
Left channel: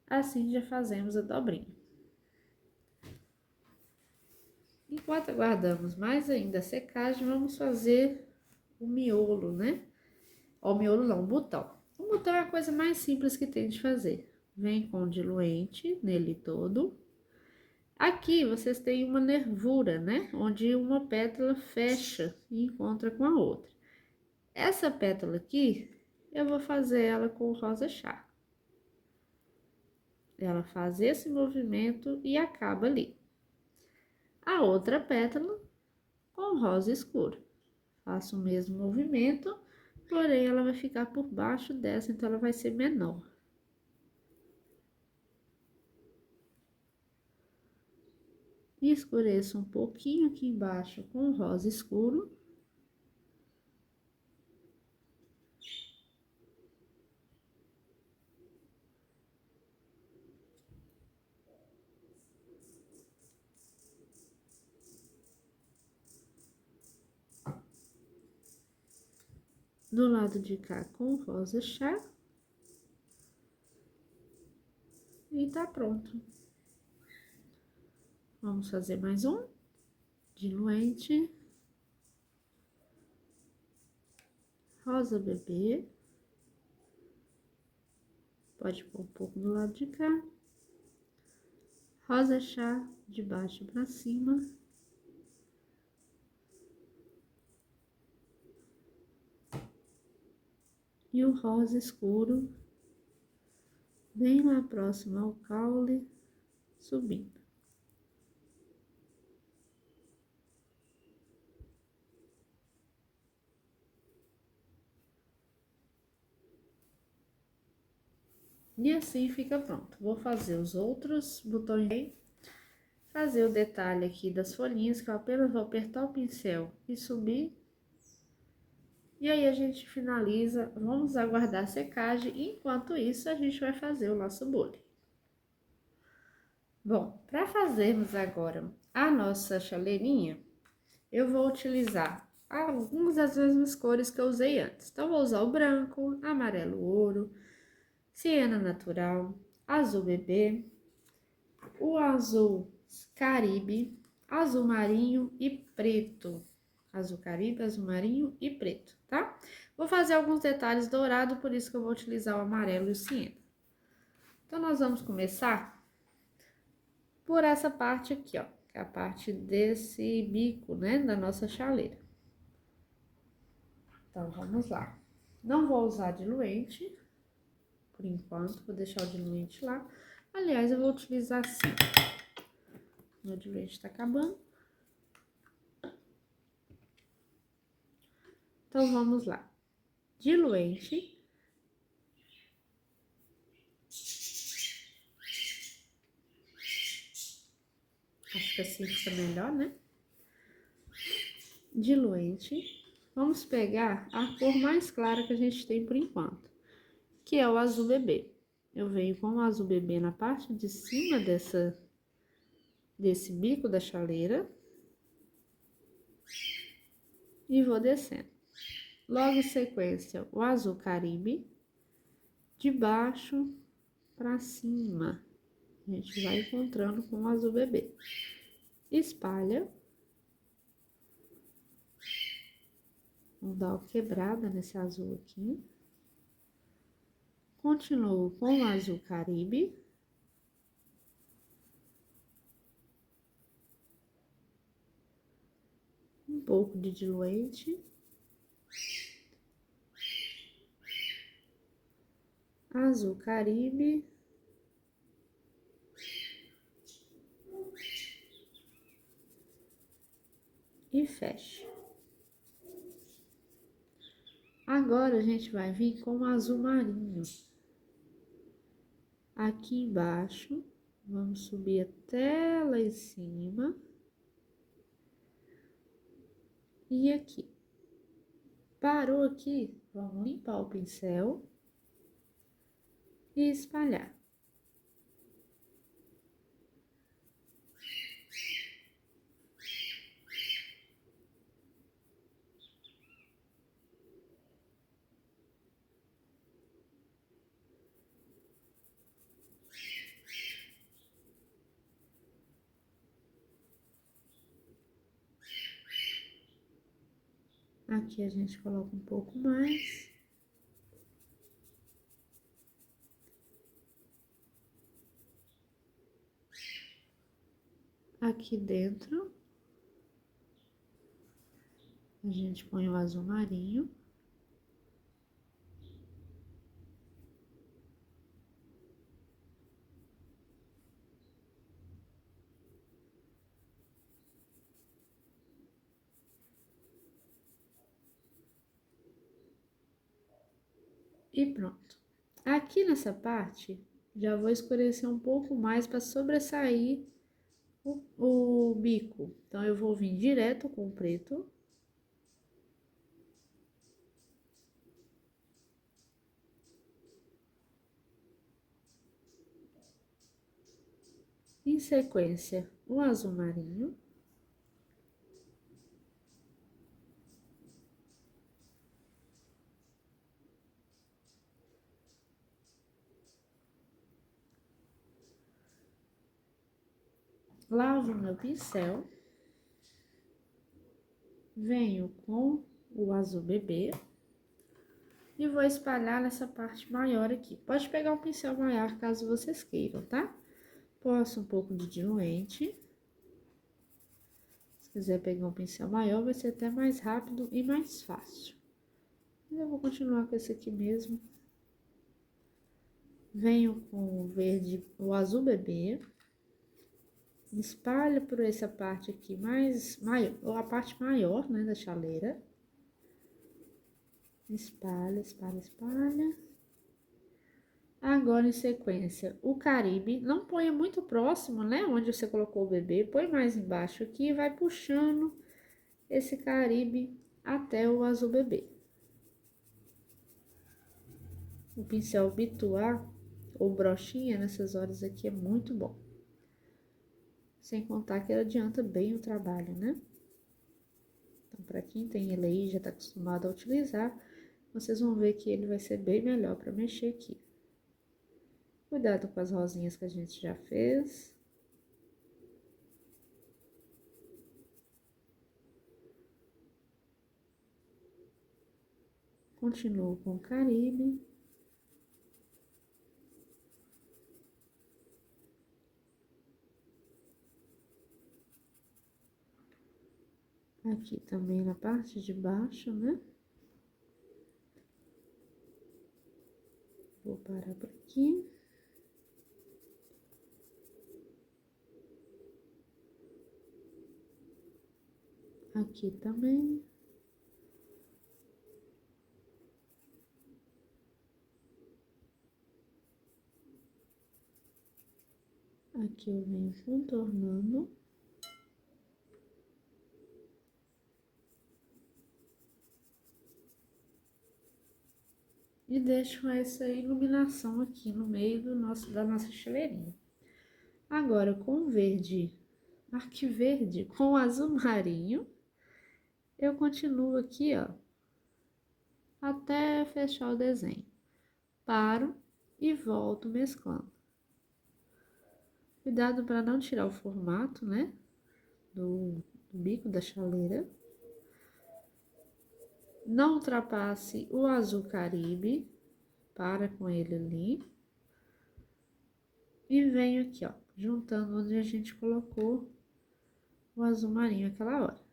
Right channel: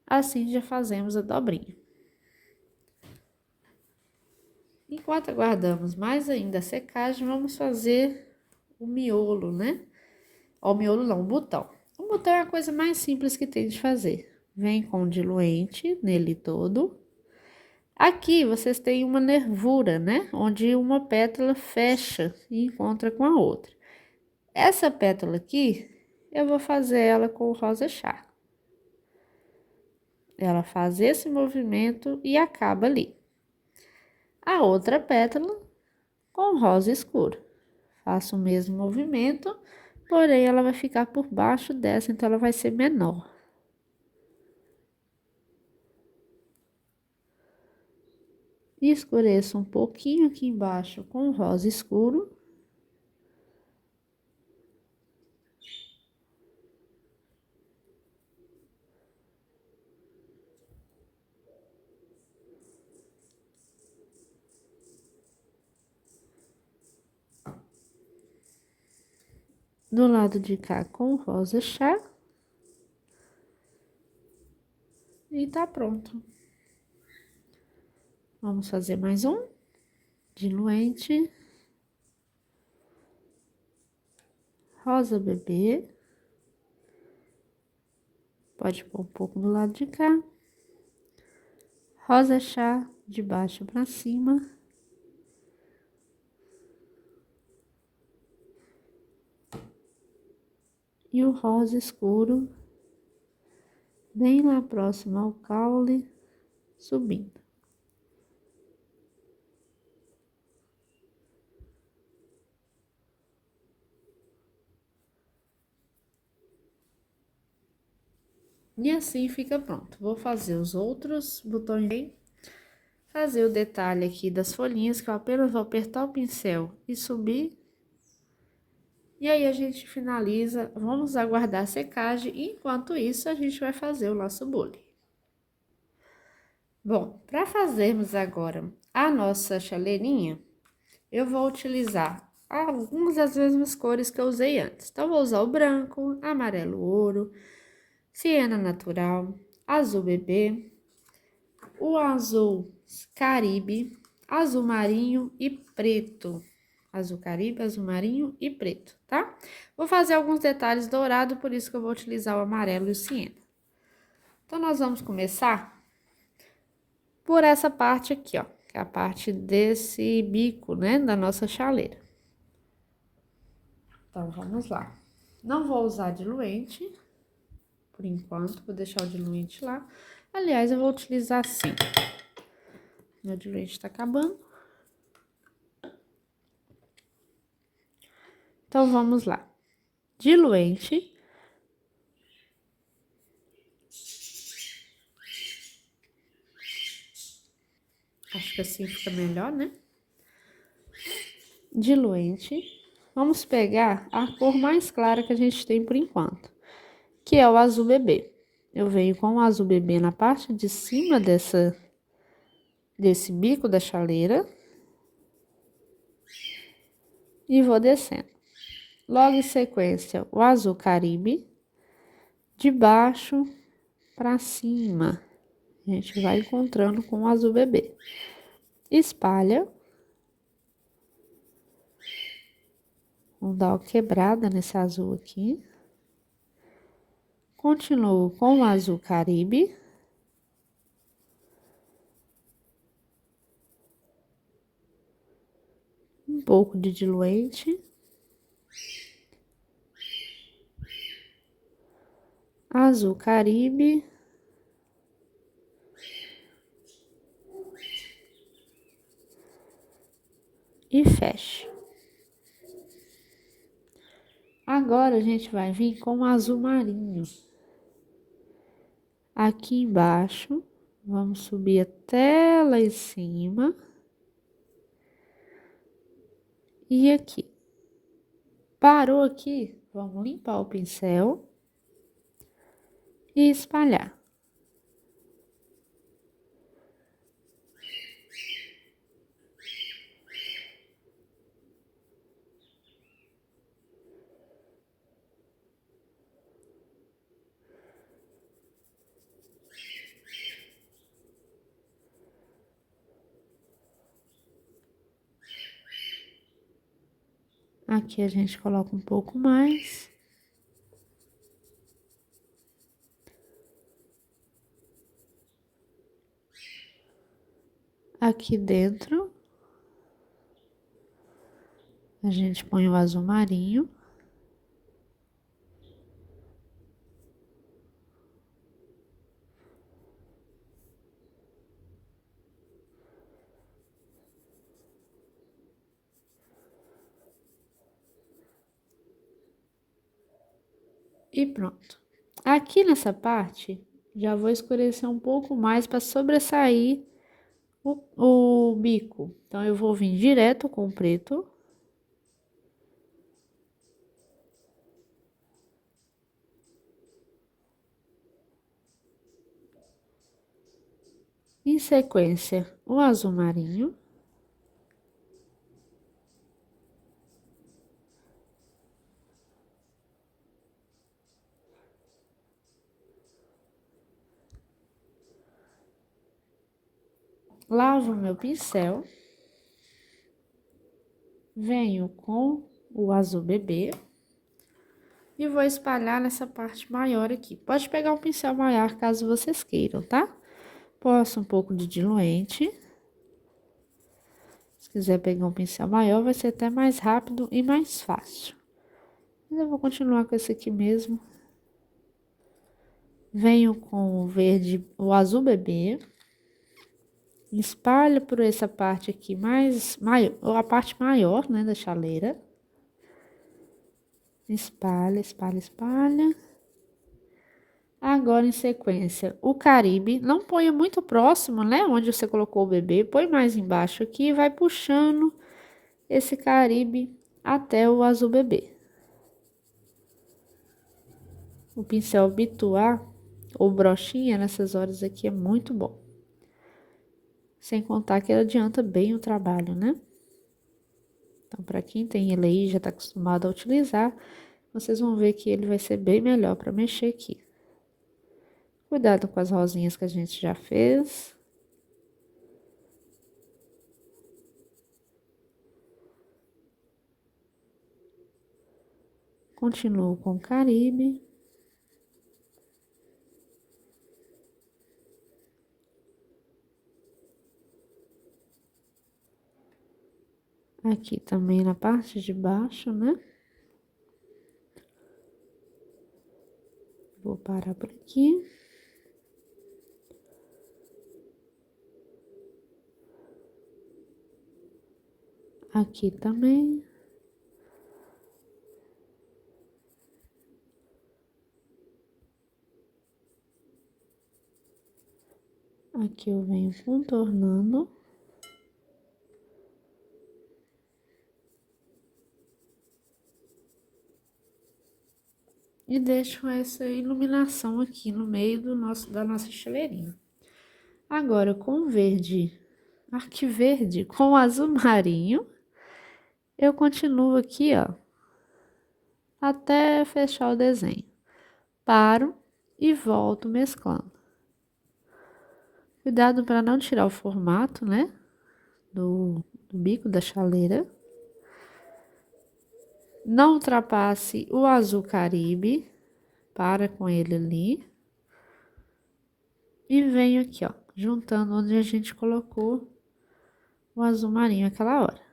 Assim já fazemos a dobrinha. Enquanto aguardamos mais ainda a secagem, vamos fazer o miolo, né? Ó, o miolo não, o botão. O botão é a coisa mais simples que tem de fazer. Vem com diluente nele todo. Aqui vocês têm uma nervura, né? Onde uma pétala fecha e encontra com a outra. Essa pétala aqui, eu vou fazer ela com o rosa chá. Ela faz esse movimento e acaba ali. A outra pétala com rosa escuro. Faço o mesmo movimento, porém ela vai ficar por baixo dessa, então ela vai ser menor. Escureço um pouquinho aqui embaixo com rosa escuro. Do lado de cá com rosa chá. E tá pronto. Vamos fazer mais um. Diluente. Rosa bebê. Pode pôr um pouco do lado de cá. Rosa chá de baixo pra cima. E o rosa escuro bem lá próximo ao caule, subindo. E assim fica pronto. Vou fazer os outros botões, fazer o detalhe aqui das folhinhas, que eu apenas vou apertar o pincel e subir. E aí, a gente finaliza, vamos aguardar a secagem, e enquanto isso, a gente vai fazer o laço bole. Bom, para fazermos agora a nossa chaleirinha, eu vou utilizar algumas das mesmas cores que eu usei antes. Então, vou usar o branco, amarelo ouro, siena natural, azul bebê, o azul caribe, azul marinho e preto. Azul caribe, azul marinho e preto, tá? Vou fazer alguns detalhes dourados, por isso que eu vou utilizar o amarelo e o siena. Então, nós vamos começar por essa parte aqui, ó. que é a parte desse bico, né, da nossa chaleira. Então, vamos lá. Não vou usar diluente, por enquanto, vou deixar o diluente lá. Aliás, eu vou utilizar sim. Meu diluente tá acabando. Então, vamos lá. Diluente. Acho que assim fica melhor, né? Diluente. Vamos pegar a cor mais clara que a gente tem por enquanto, que é o azul bebê. Eu venho com o azul bebê na parte de cima desse bico da chaleira e vou descendo. Logo em sequência, o azul caribe, de baixo para cima. A gente vai encontrando com o azul bebê. Espalha. Vamos dar uma quebrada nesse azul aqui. Continuo com o azul caribe. Um pouco de diluente. Azul caribe. E fecha. Agora, a gente vai vir com o azul marinho. Aqui embaixo, vamos subir até lá em cima. E aqui. Parou aqui, vamos limpar o pincel e espalhar. Aqui a gente coloca um pouco mais. Aqui dentro, a gente põe o azul marinho. E pronto. Aqui nessa parte, já vou escurecer um pouco mais para sobressair o bico. Então, eu vou vir direto com o preto. Em sequência, o azul marinho. Lavo meu pincel. Venho com o azul bebê. E vou espalhar nessa parte maior aqui. Pode pegar um pincel maior caso vocês queiram, tá? Posso um pouco de diluente. Se quiser pegar um pincel maior, vai ser até mais rápido e mais fácil. Mas eu vou continuar com esse aqui mesmo. Venho com o verde, o azul bebê. Espalho por essa parte aqui ou a parte maior, né, da chaleira. Espalha, espalha, espalha. Agora, em sequência, o caribe. Não ponha muito próximo, né, onde você colocou o bebê. Põe mais embaixo aqui e vai puxando esse caribe até o azul bebê. O pincel Bituá ou brochinha nessas horas aqui é muito bom. Sem contar que ele adianta bem o trabalho, né? Então, para quem tem ele aí, já tá acostumado a utilizar, vocês vão ver que ele vai ser bem melhor para mexer aqui. Cuidado com as rosinhas que a gente já fez. Continuo com o caribe. Aqui também na parte de baixo, né? Vou parar por aqui. Aqui também. Aqui eu venho contornando. E deixo essa iluminação aqui no meio da nossa estileirinha. Agora, com verde, arquiverde com azul marinho, eu continuo aqui, ó, até fechar o desenho. Paro e volto mesclando. Cuidado para não tirar o formato, né, do bico da chaleira. Não ultrapasse o azul caribe, para com ele ali. E venho aqui, ó, juntando onde a gente colocou o azul marinho aquela hora.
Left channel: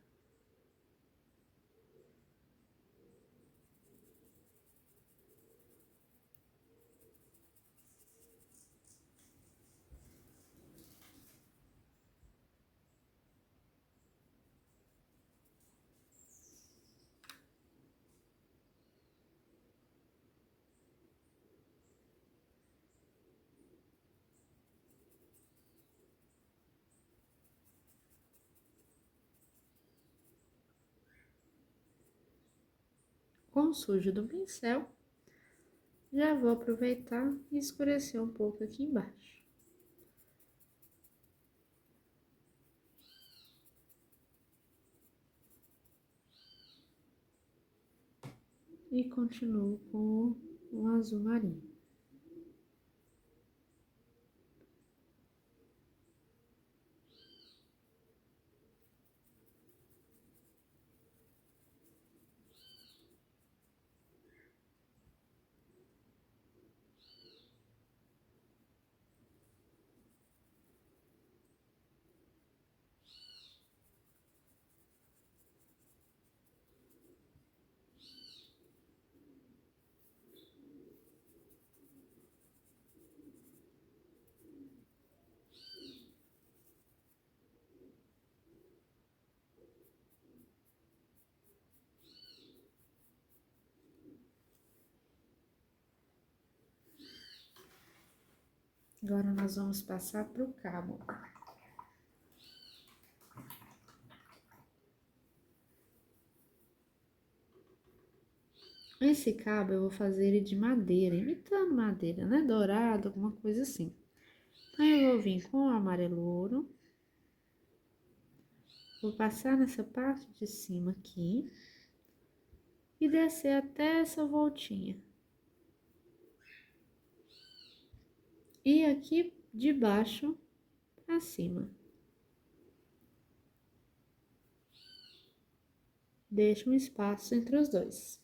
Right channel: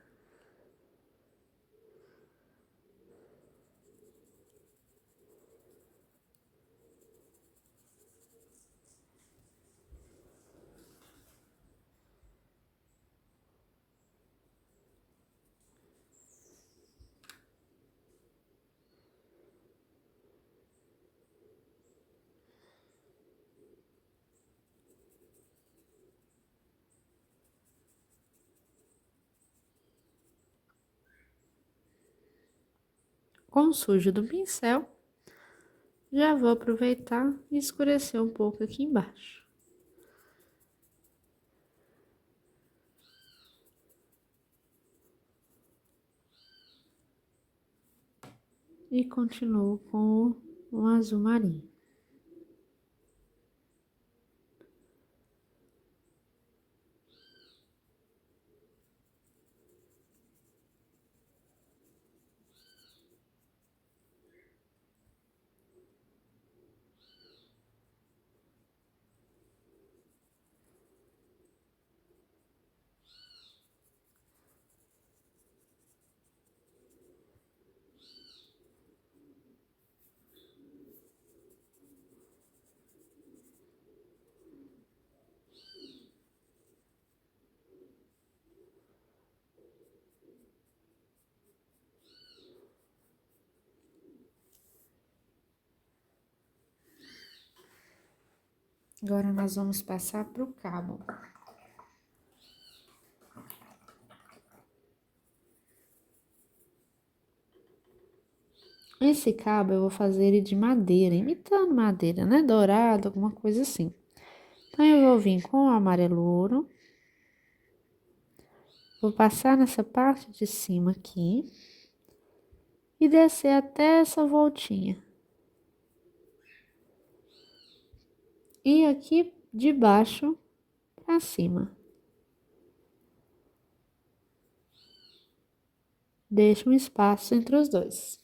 Com o sujo do pincel, já vou aproveitar e escurecer um pouco aqui embaixo. E continuo com o azul marinho. Agora, nós vamos passar para o cabo. Esse cabo eu vou fazer ele de madeira, imitando madeira, né? Dourado, alguma coisa assim. Então, eu vou vir com o amarelo ouro. Vou passar nessa parte de cima aqui. E descer até essa voltinha. E aqui de baixo para cima. Deixa um espaço entre os dois.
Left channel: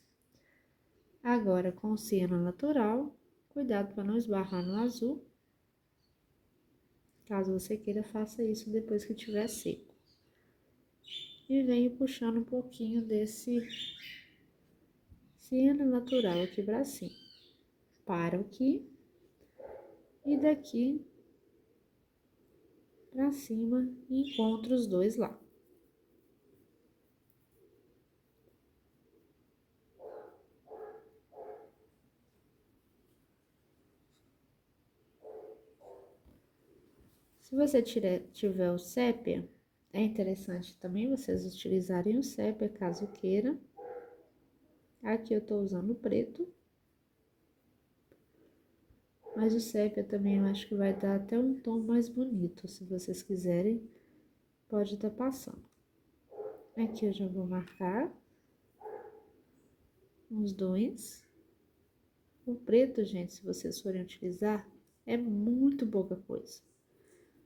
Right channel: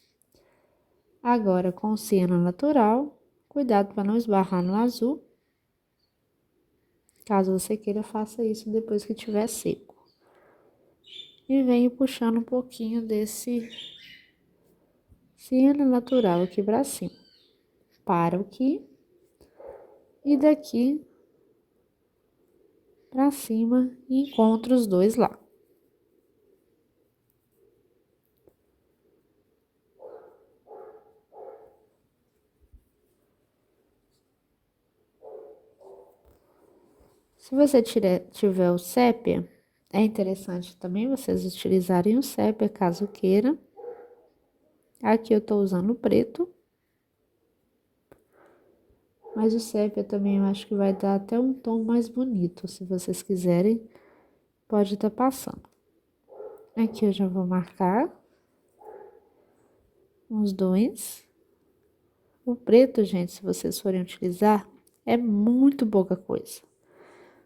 Agora, com o ciano natural, cuidado para não esbarrar no azul. Caso você queira, faça isso depois que estiver seco. E venho puxando um pouquinho desse ciano natural aqui para cima. Paro aqui. E daqui para cima e encontro os dois lá. Se você tiver o sépia, é interessante também vocês utilizarem o sépia, caso queira. Aqui eu tô usando o preto. Mas o sépia também eu acho que vai dar até um tom mais bonito. Se vocês quiserem, pode estar passando. Aqui eu já vou marcar os dois. O preto, gente, se vocês forem utilizar, é muito pouca coisa.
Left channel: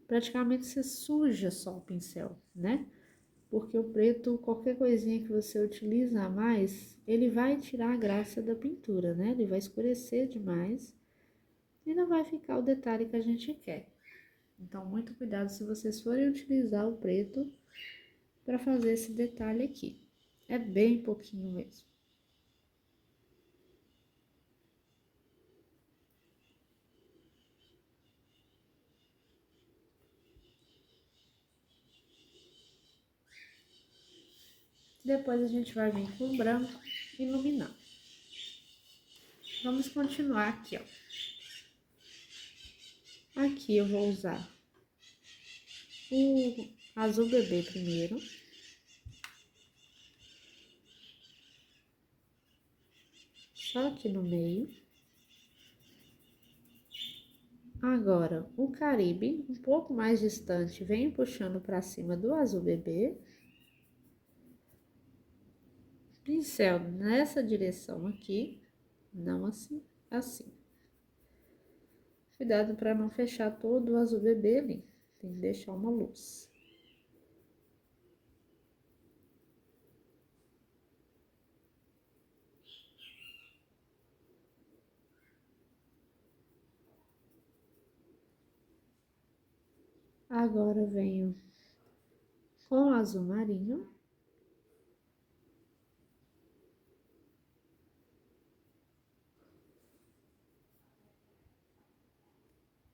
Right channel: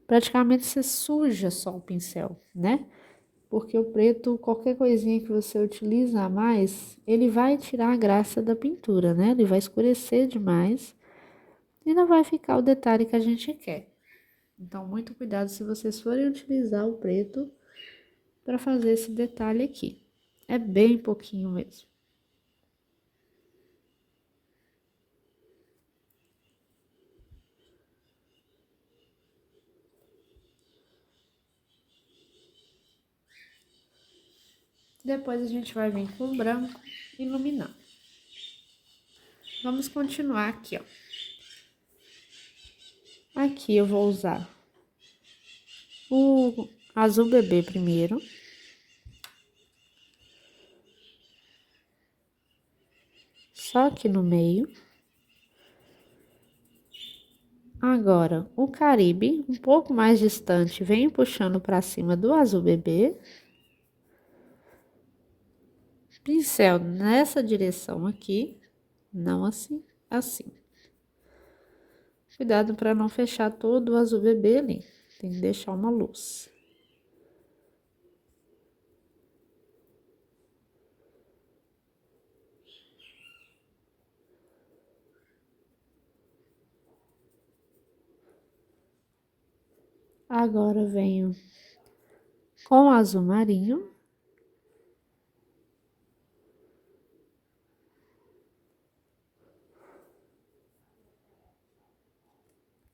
Praticamente você suja só o pincel, né? Porque o preto, qualquer coisinha que você utiliza a mais, ele vai tirar a graça da pintura, né? Ele vai escurecer demais e não vai ficar o detalhe que a gente quer. Então, muito cuidado se vocês forem utilizar o preto, para fazer esse detalhe aqui. É bem pouquinho mesmo. Depois a gente vai vir com o branco iluminando. Vamos continuar aqui, ó. Aqui eu vou usar o azul bebê primeiro. Só aqui no meio. Agora, o Caribe, um pouco mais distante, vem puxando para cima do azul bebê. Pincel nessa direção aqui, não assim, assim. Cuidado para não fechar todo o azul bebê ali, tem que deixar uma luz. Agora eu venho com o azul marinho.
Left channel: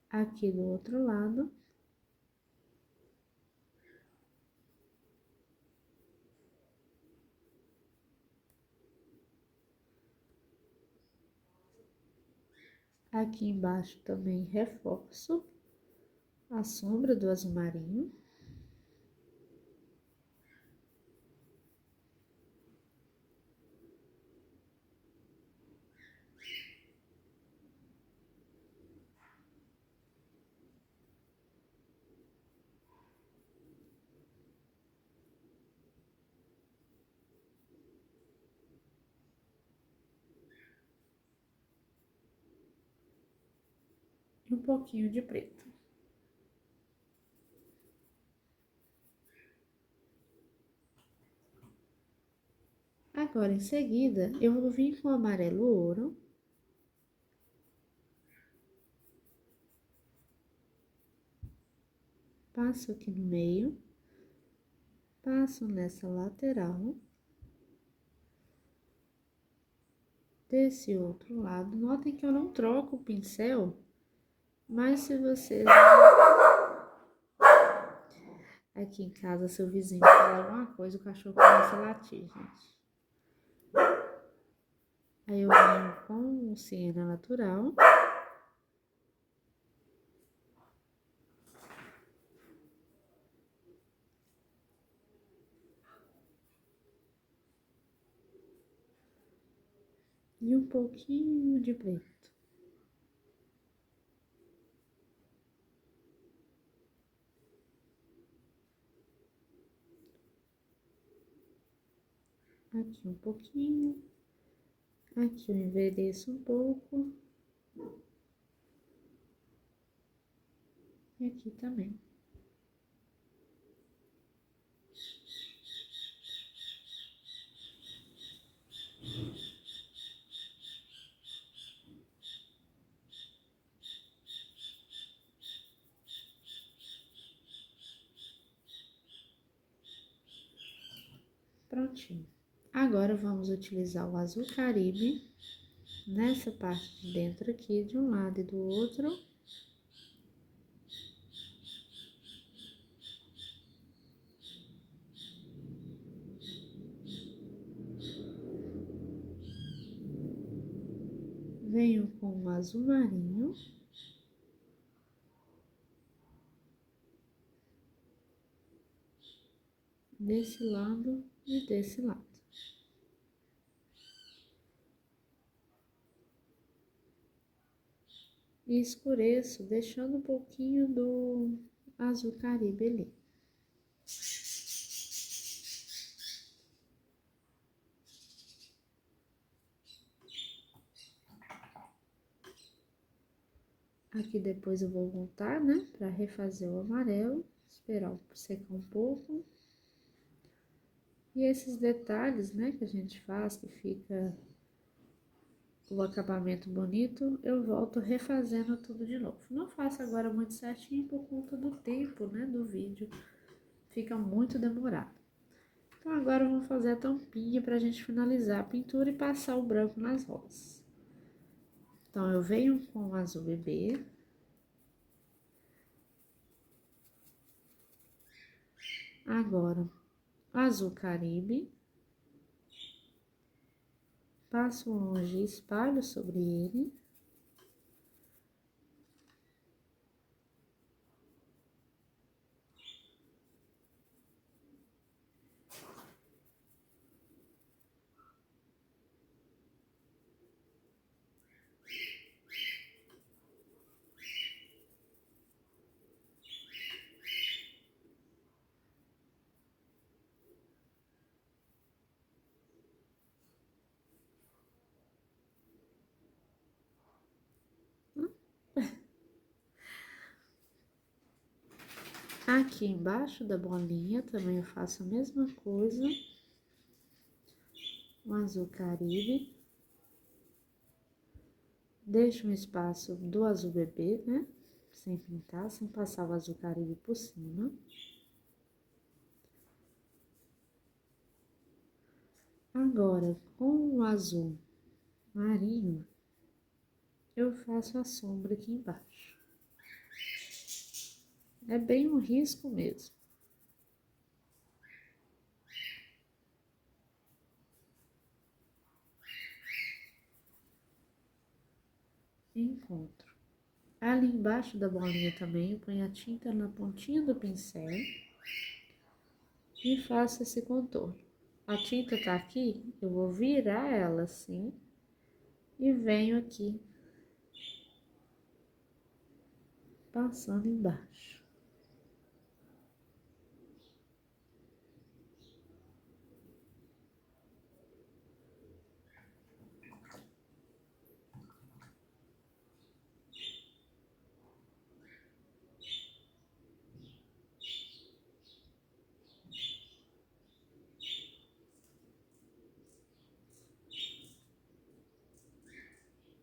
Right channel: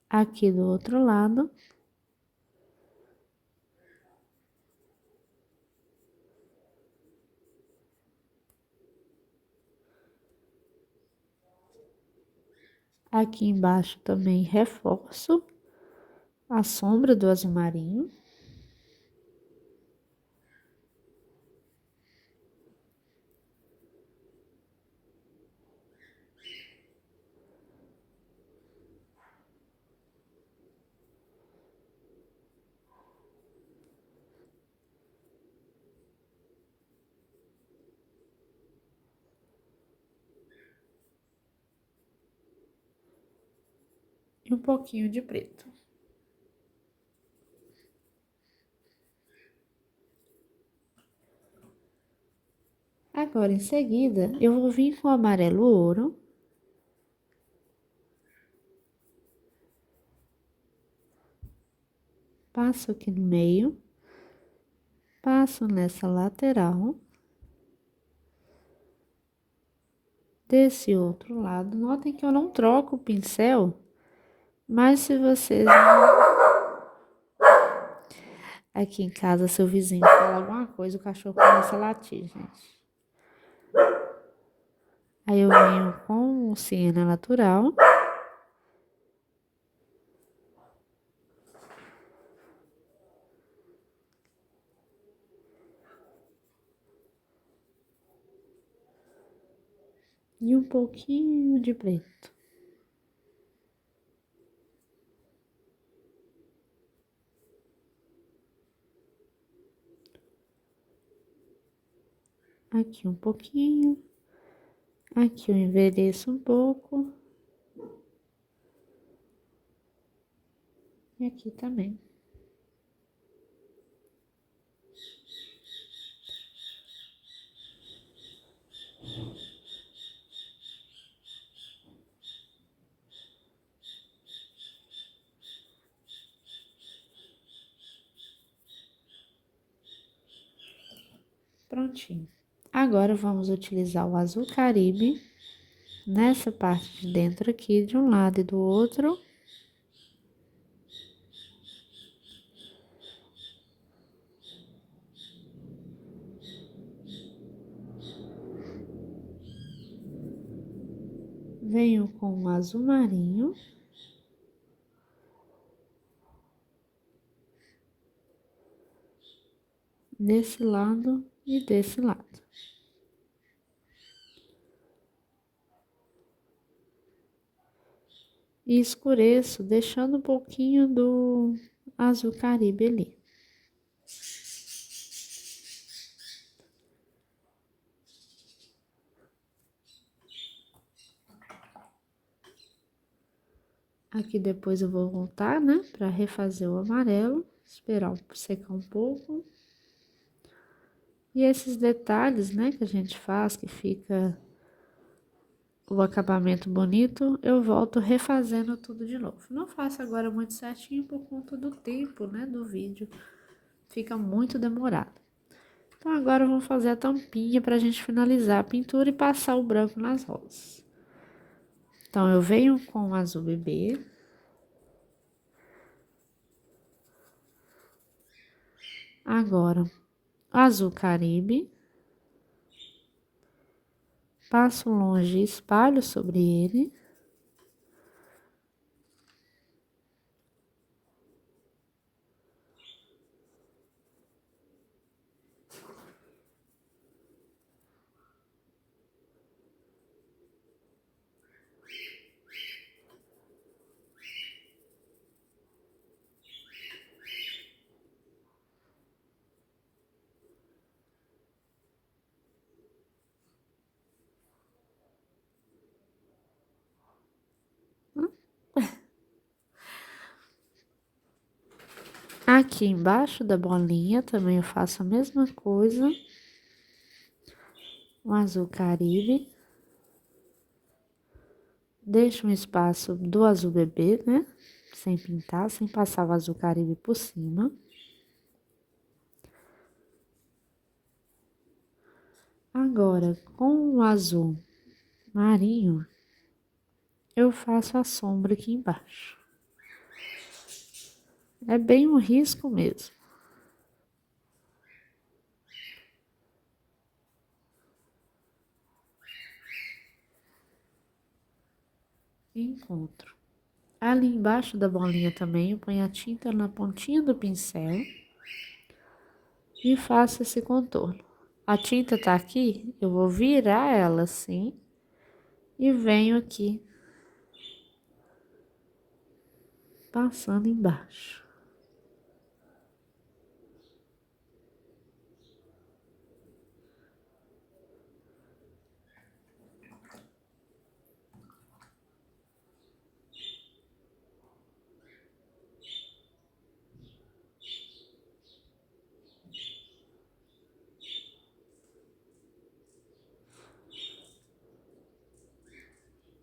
Aqui do outro lado. Aqui embaixo também reforço a sombra do azul marinho. E um pouquinho de preto. Agora, em seguida, eu vou vir com o amarelo ouro. Passo aqui no meio. Passo nessa lateral. Desse outro lado. Notem que eu não troco o pincel, mas se vocês... Aqui em casa, seu vizinho fala alguma coisa, o cachorro começa a latir, gente. Aí eu venho com o siena natural. E um pouquinho de preto. Aqui um pouquinho. Aqui eu envelheço um pouco. E aqui também. Prontinho. Agora, vamos utilizar o azul Caribe nessa parte de dentro aqui, de um lado e do outro. Venho com o azul marinho. Desse lado e desse lado. E escureço, deixando um pouquinho do azul Caribe ali. Aqui depois eu vou voltar, né, pra refazer o amarelo, esperar secar um pouco. E esses detalhes, né, que a gente faz, que fica o acabamento bonito, eu volto refazendo tudo de novo. Não faço agora muito certinho por conta do tempo, né, do vídeo. Fica muito demorado. Então, agora vamos fazer a tampinha pra gente finalizar a pintura e passar o branco nas rosas. Então, eu venho com o azul bebê. Agora, o azul caribe. Passo longe e espalho sobre ele. Aqui embaixo da bolinha também eu faço a mesma coisa. O azul caribe. Deixo um espaço do azul bebê, né? Sem pintar, sem passar o azul caribe por cima. Agora, com o azul marinho, eu faço a sombra aqui embaixo. É bem um risco mesmo. Encontro. Ali embaixo da bolinha também, eu ponho a tinta na pontinha do pincel e faço esse contorno. A tinta tá aqui, eu vou virar ela assim e venho aqui passando embaixo.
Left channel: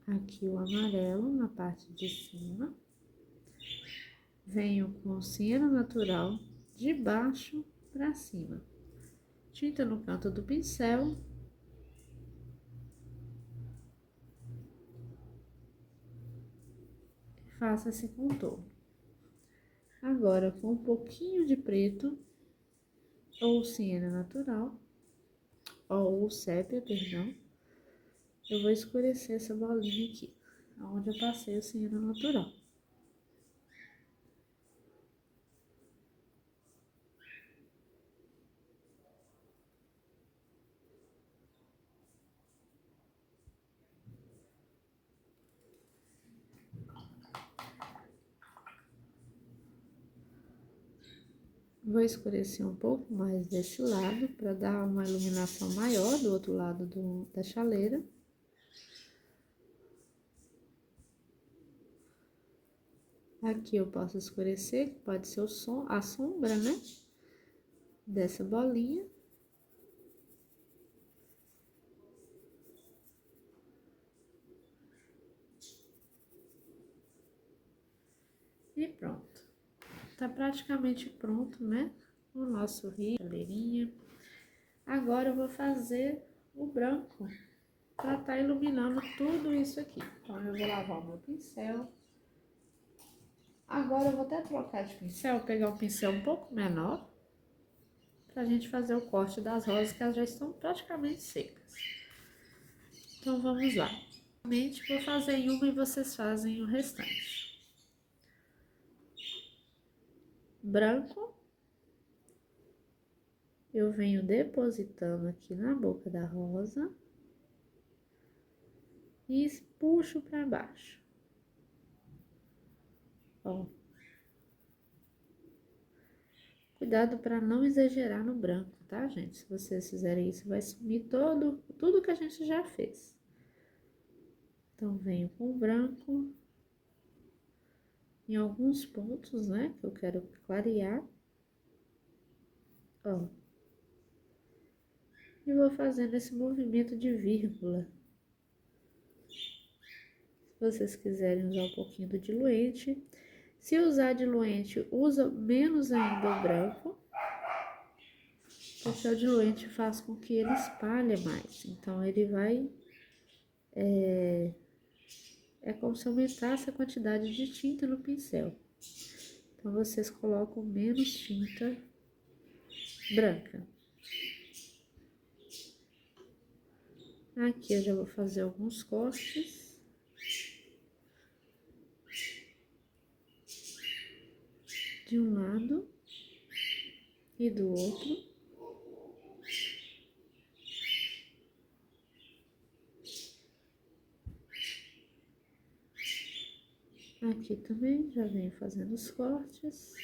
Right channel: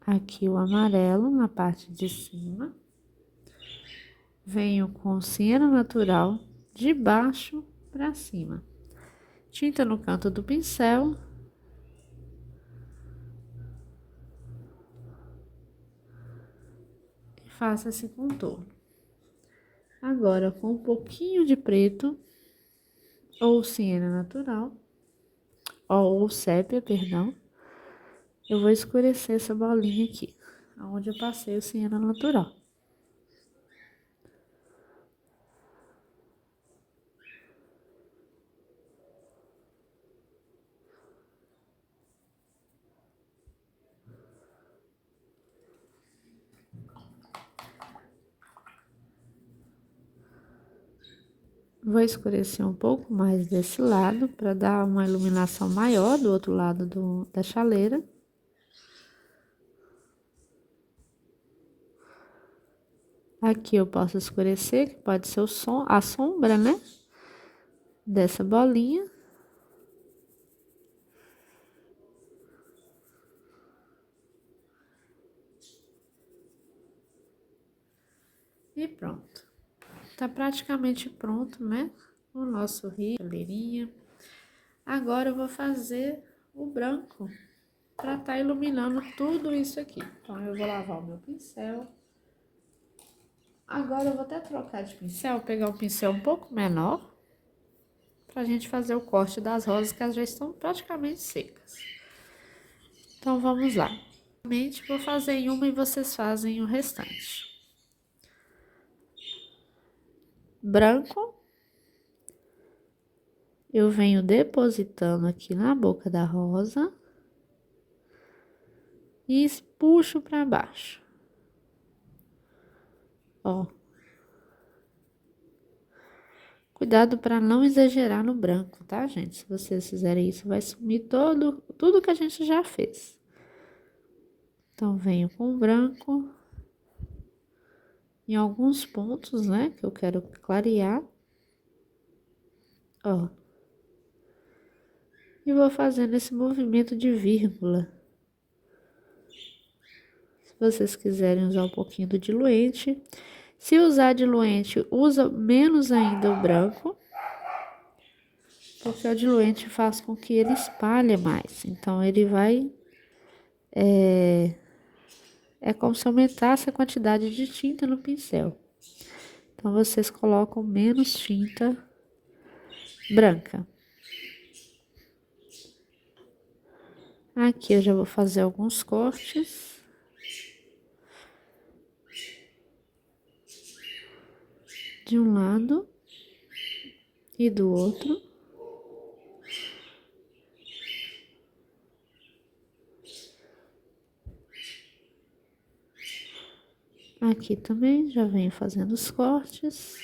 Aqui o amarelo na parte de cima. Venho com siena natural de baixo para cima. Tinta no canto do pincel. E faço esse contorno. Agora, com um pouquinho de preto, ou siena natural, ou sépia, perdão, eu vou escurecer essa bolinha aqui, onde eu passei o siena natural. Vou escurecer um pouco mais desse lado, para dar uma iluminação maior do outro lado da chaleira. Aqui eu posso escurecer, que pode ser a sombra, né? Dessa bolinha. E pronto. Tá praticamente pronto, né? O nosso rio, chaleirinha. Agora eu vou fazer o branco para tá iluminando tudo isso aqui. Então, eu vou lavar o meu pincel. Agora eu vou até trocar de pincel, pegar um pincel um pouco menor, pra gente fazer o corte das rosas, que elas já estão praticamente secas. Então, vamos lá. Vou fazer em uma e vocês fazem o restante. Branco. Eu venho depositando aqui na boca da rosa e puxo para baixo. Ó. Cuidado para não exagerar no branco, tá, gente? Se vocês fizerem isso, vai sumir tudo que a gente já fez. Então, venho com o branco em alguns pontos, né, que eu quero clarear. Ó. E vou fazendo esse movimento de vírgula. Se vocês quiserem usar um pouquinho do diluente. Se usar diluente, usa menos ainda o branco. porque o diluente faz com que ele espalhe mais. Então, ele vai... É como se aumentasse a quantidade de tinta no pincel. Então, vocês colocam menos tinta branca. Aqui eu já vou fazer alguns cortes. De um lado e do outro. Aqui também já venho fazendo os cortes.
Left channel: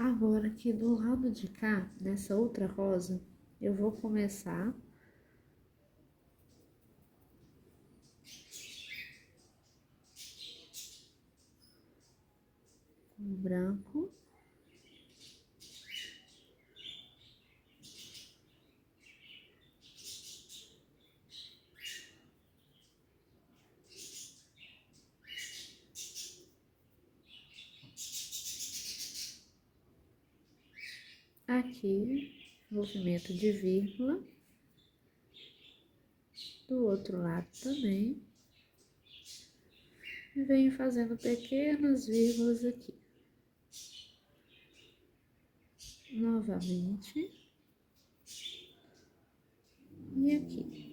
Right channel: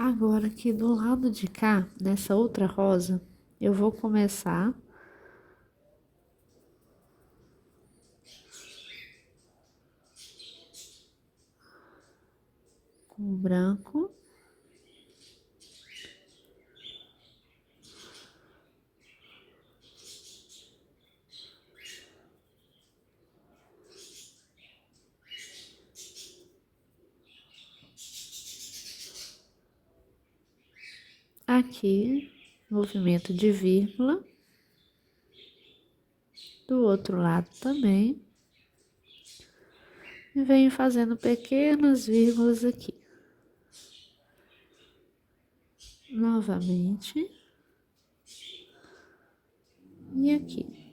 Agora aqui do lado de cá, nessa outra rosa, eu vou começar com o branco. Aqui, movimento de vírgula. Do outro lado também. E venho fazendo pequenas vírgulas aqui. Novamente. E aqui.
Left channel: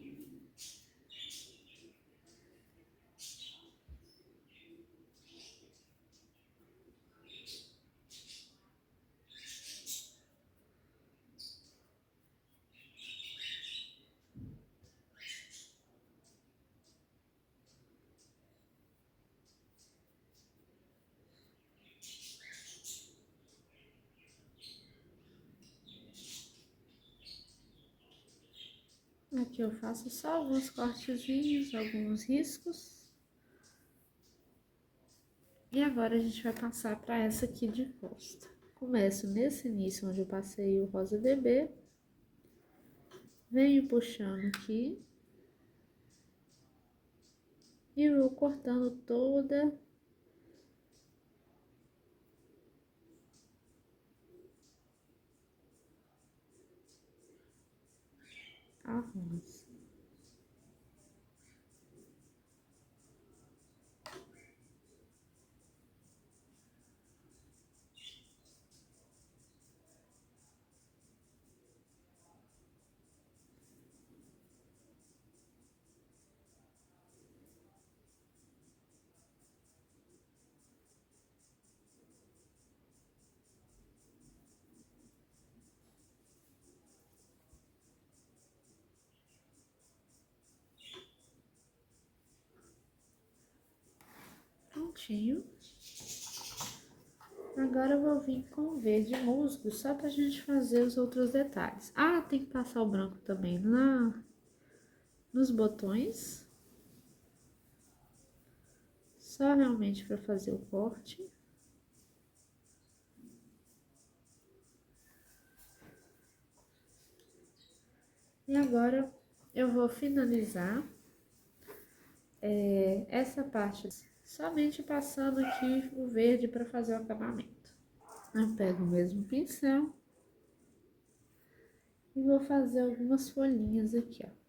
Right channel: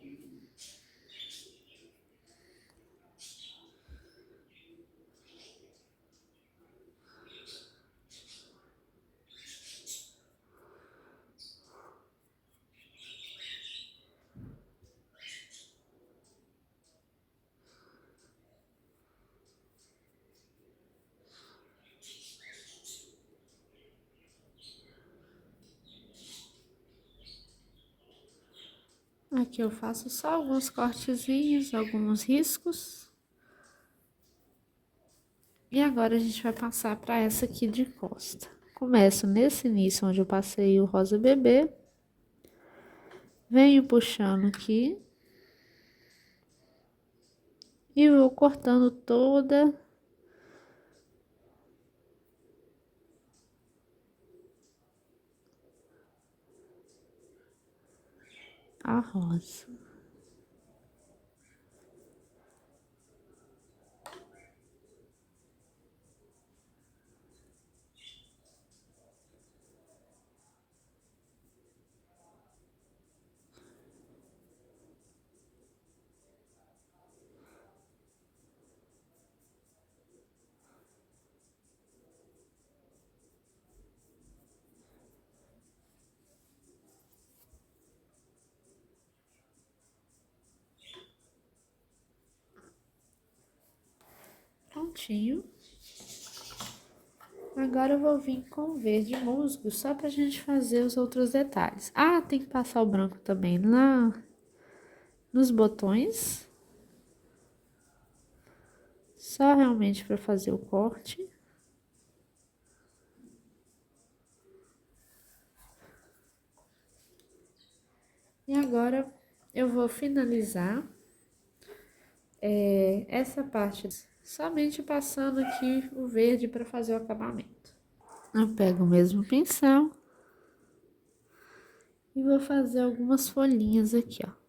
Aqui eu faço só alguns cortezinhos, alguns riscos. E agora a gente vai passar para essa aqui de costa. Começo nesse início onde eu passei o rosa bebê. Venho puxando aqui. E vou cortando toda a rosa. Prontinho. Agora eu vou vir com verde musgo, só pra gente fazer os outros detalhes. Ah, tem que passar o branco também lá nos botões. Só realmente para fazer o corte. E agora eu vou finalizar essa parte somente passando aqui o verde para fazer o acabamento. Eu pego o mesmo pincel e vou fazer algumas folhinhas aqui, ó.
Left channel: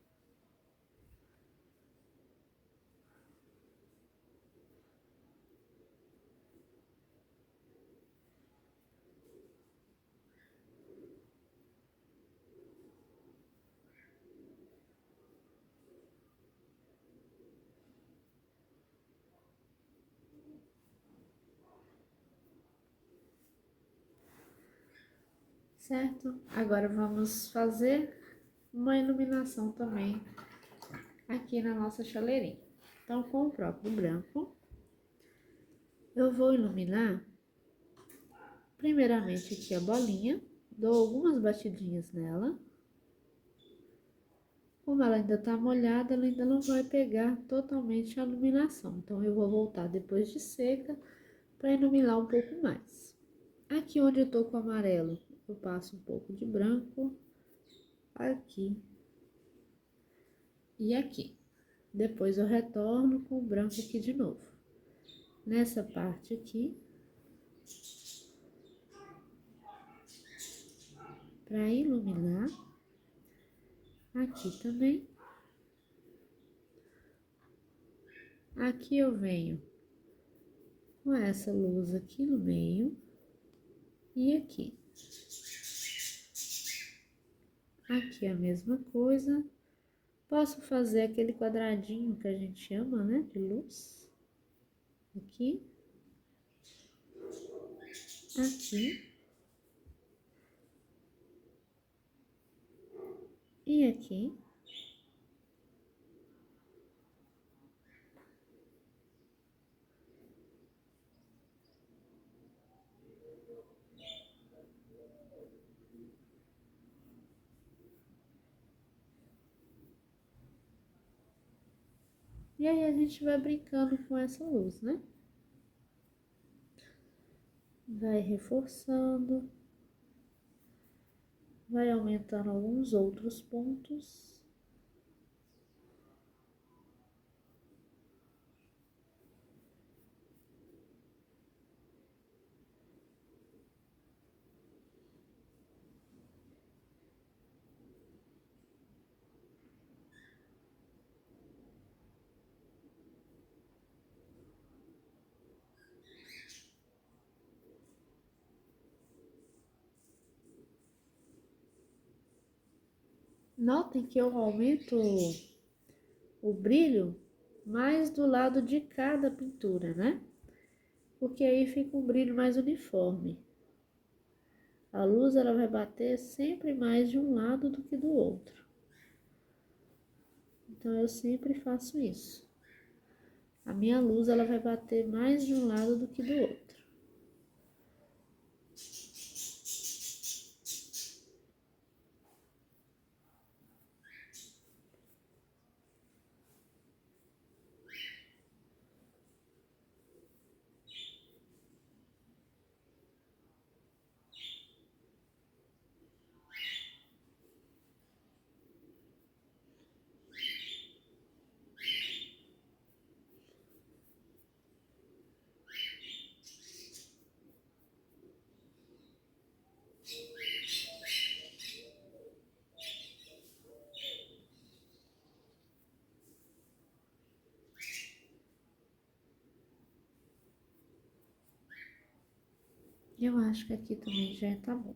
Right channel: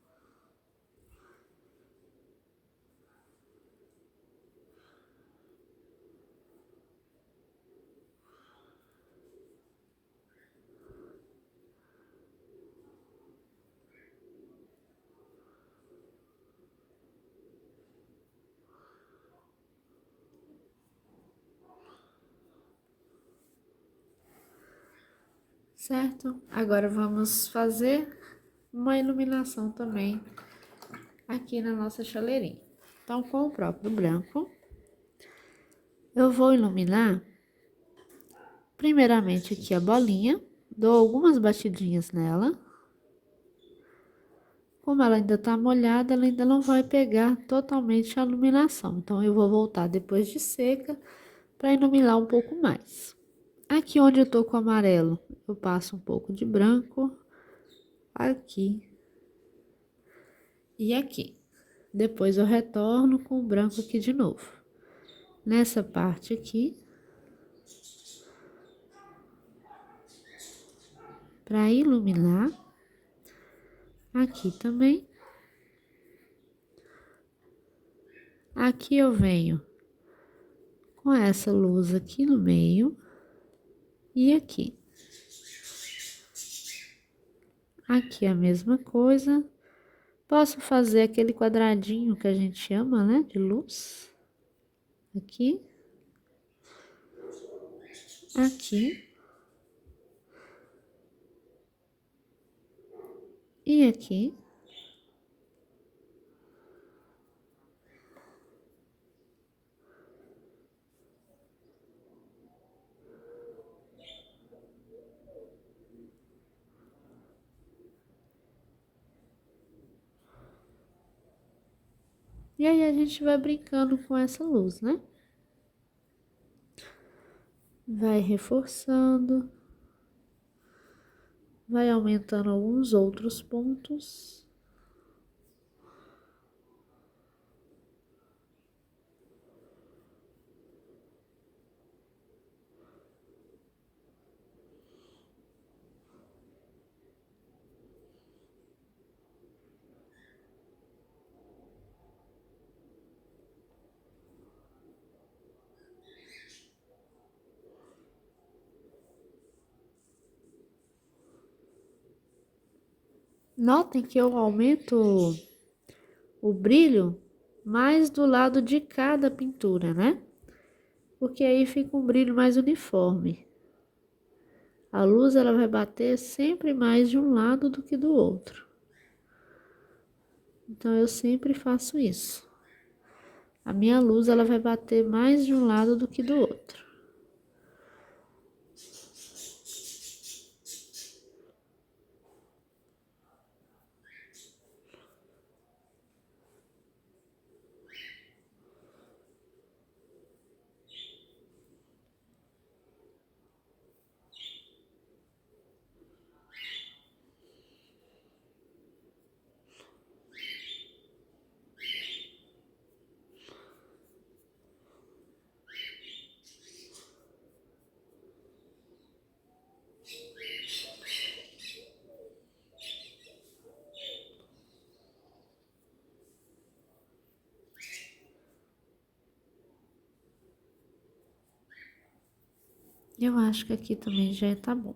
Certo? Agora vamos fazer uma iluminação também aqui na nossa chaleirinha. Então, com o próprio branco, eu vou iluminar Primeiramente aqui a bolinha, dou algumas batidinhas nela. Como ela ainda tá molhada, ela ainda não vai pegar totalmente a iluminação. Então, eu vou voltar depois de seca para iluminar um pouco mais. Aqui onde eu tô com o amarelo, eu passo um pouco de branco aqui e aqui. Depois eu retorno com o branco aqui de novo. Nessa parte aqui, para iluminar. Aqui também. Aqui eu venho com essa luz aqui no meio e aqui. Aqui a mesma coisa. Posso fazer aquele quadradinho que a gente chama, né, de luz. Aqui. Aqui. E aqui. E aí a gente vai brincando com essa luz, né? Vai reforçando. Vai aumentando alguns outros pontos. Notem que eu aumento o brilho mais do lado de cada pintura, né? Porque aí fica um brilho mais uniforme. A luz ela vai bater sempre mais de um lado do que do outro. Então eu sempre faço isso. A minha luz ela vai bater mais de um lado do que do outro. Eu acho que aqui também já tá bom.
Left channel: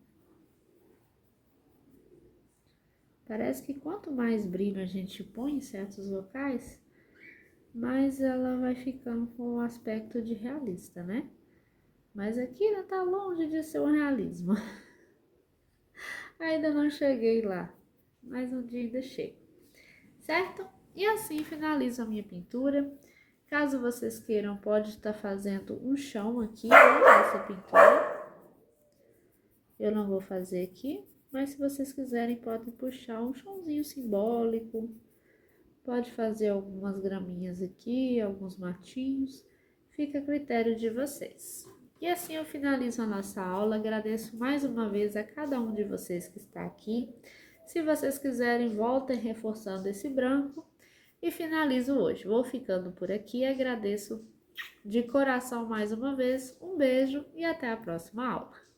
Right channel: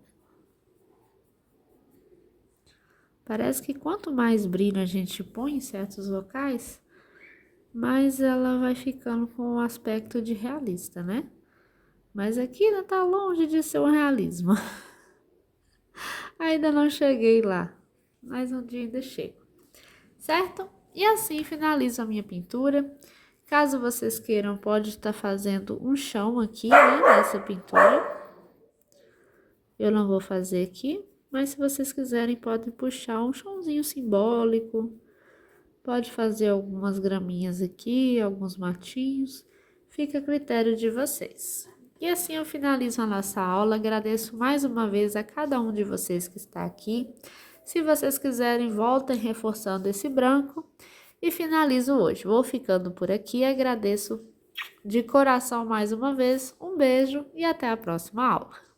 Parece que quanto mais brilho a gente põe em certos locais, mais ela vai ficando com o aspecto de realista, né? Mas aqui ainda tá longe de ser um realismo. Ainda não cheguei lá, mas um dia ainda chego, certo? E assim finalizo a minha pintura. Caso vocês queiram, pode estar fazendo um chão aqui, né, nessa pintura. Eu não vou fazer aqui, mas se vocês quiserem, podem puxar um chãozinho simbólico. Pode fazer algumas graminhas aqui, alguns matinhos. Fica a critério de vocês. E assim eu finalizo a nossa aula. Agradeço mais uma vez a cada um de vocês que está aqui. Se vocês quiserem, voltem reforçando esse branco. E finalizo hoje. Vou ficando por aqui. Agradeço de coração mais uma vez. Um beijo e até a próxima aula.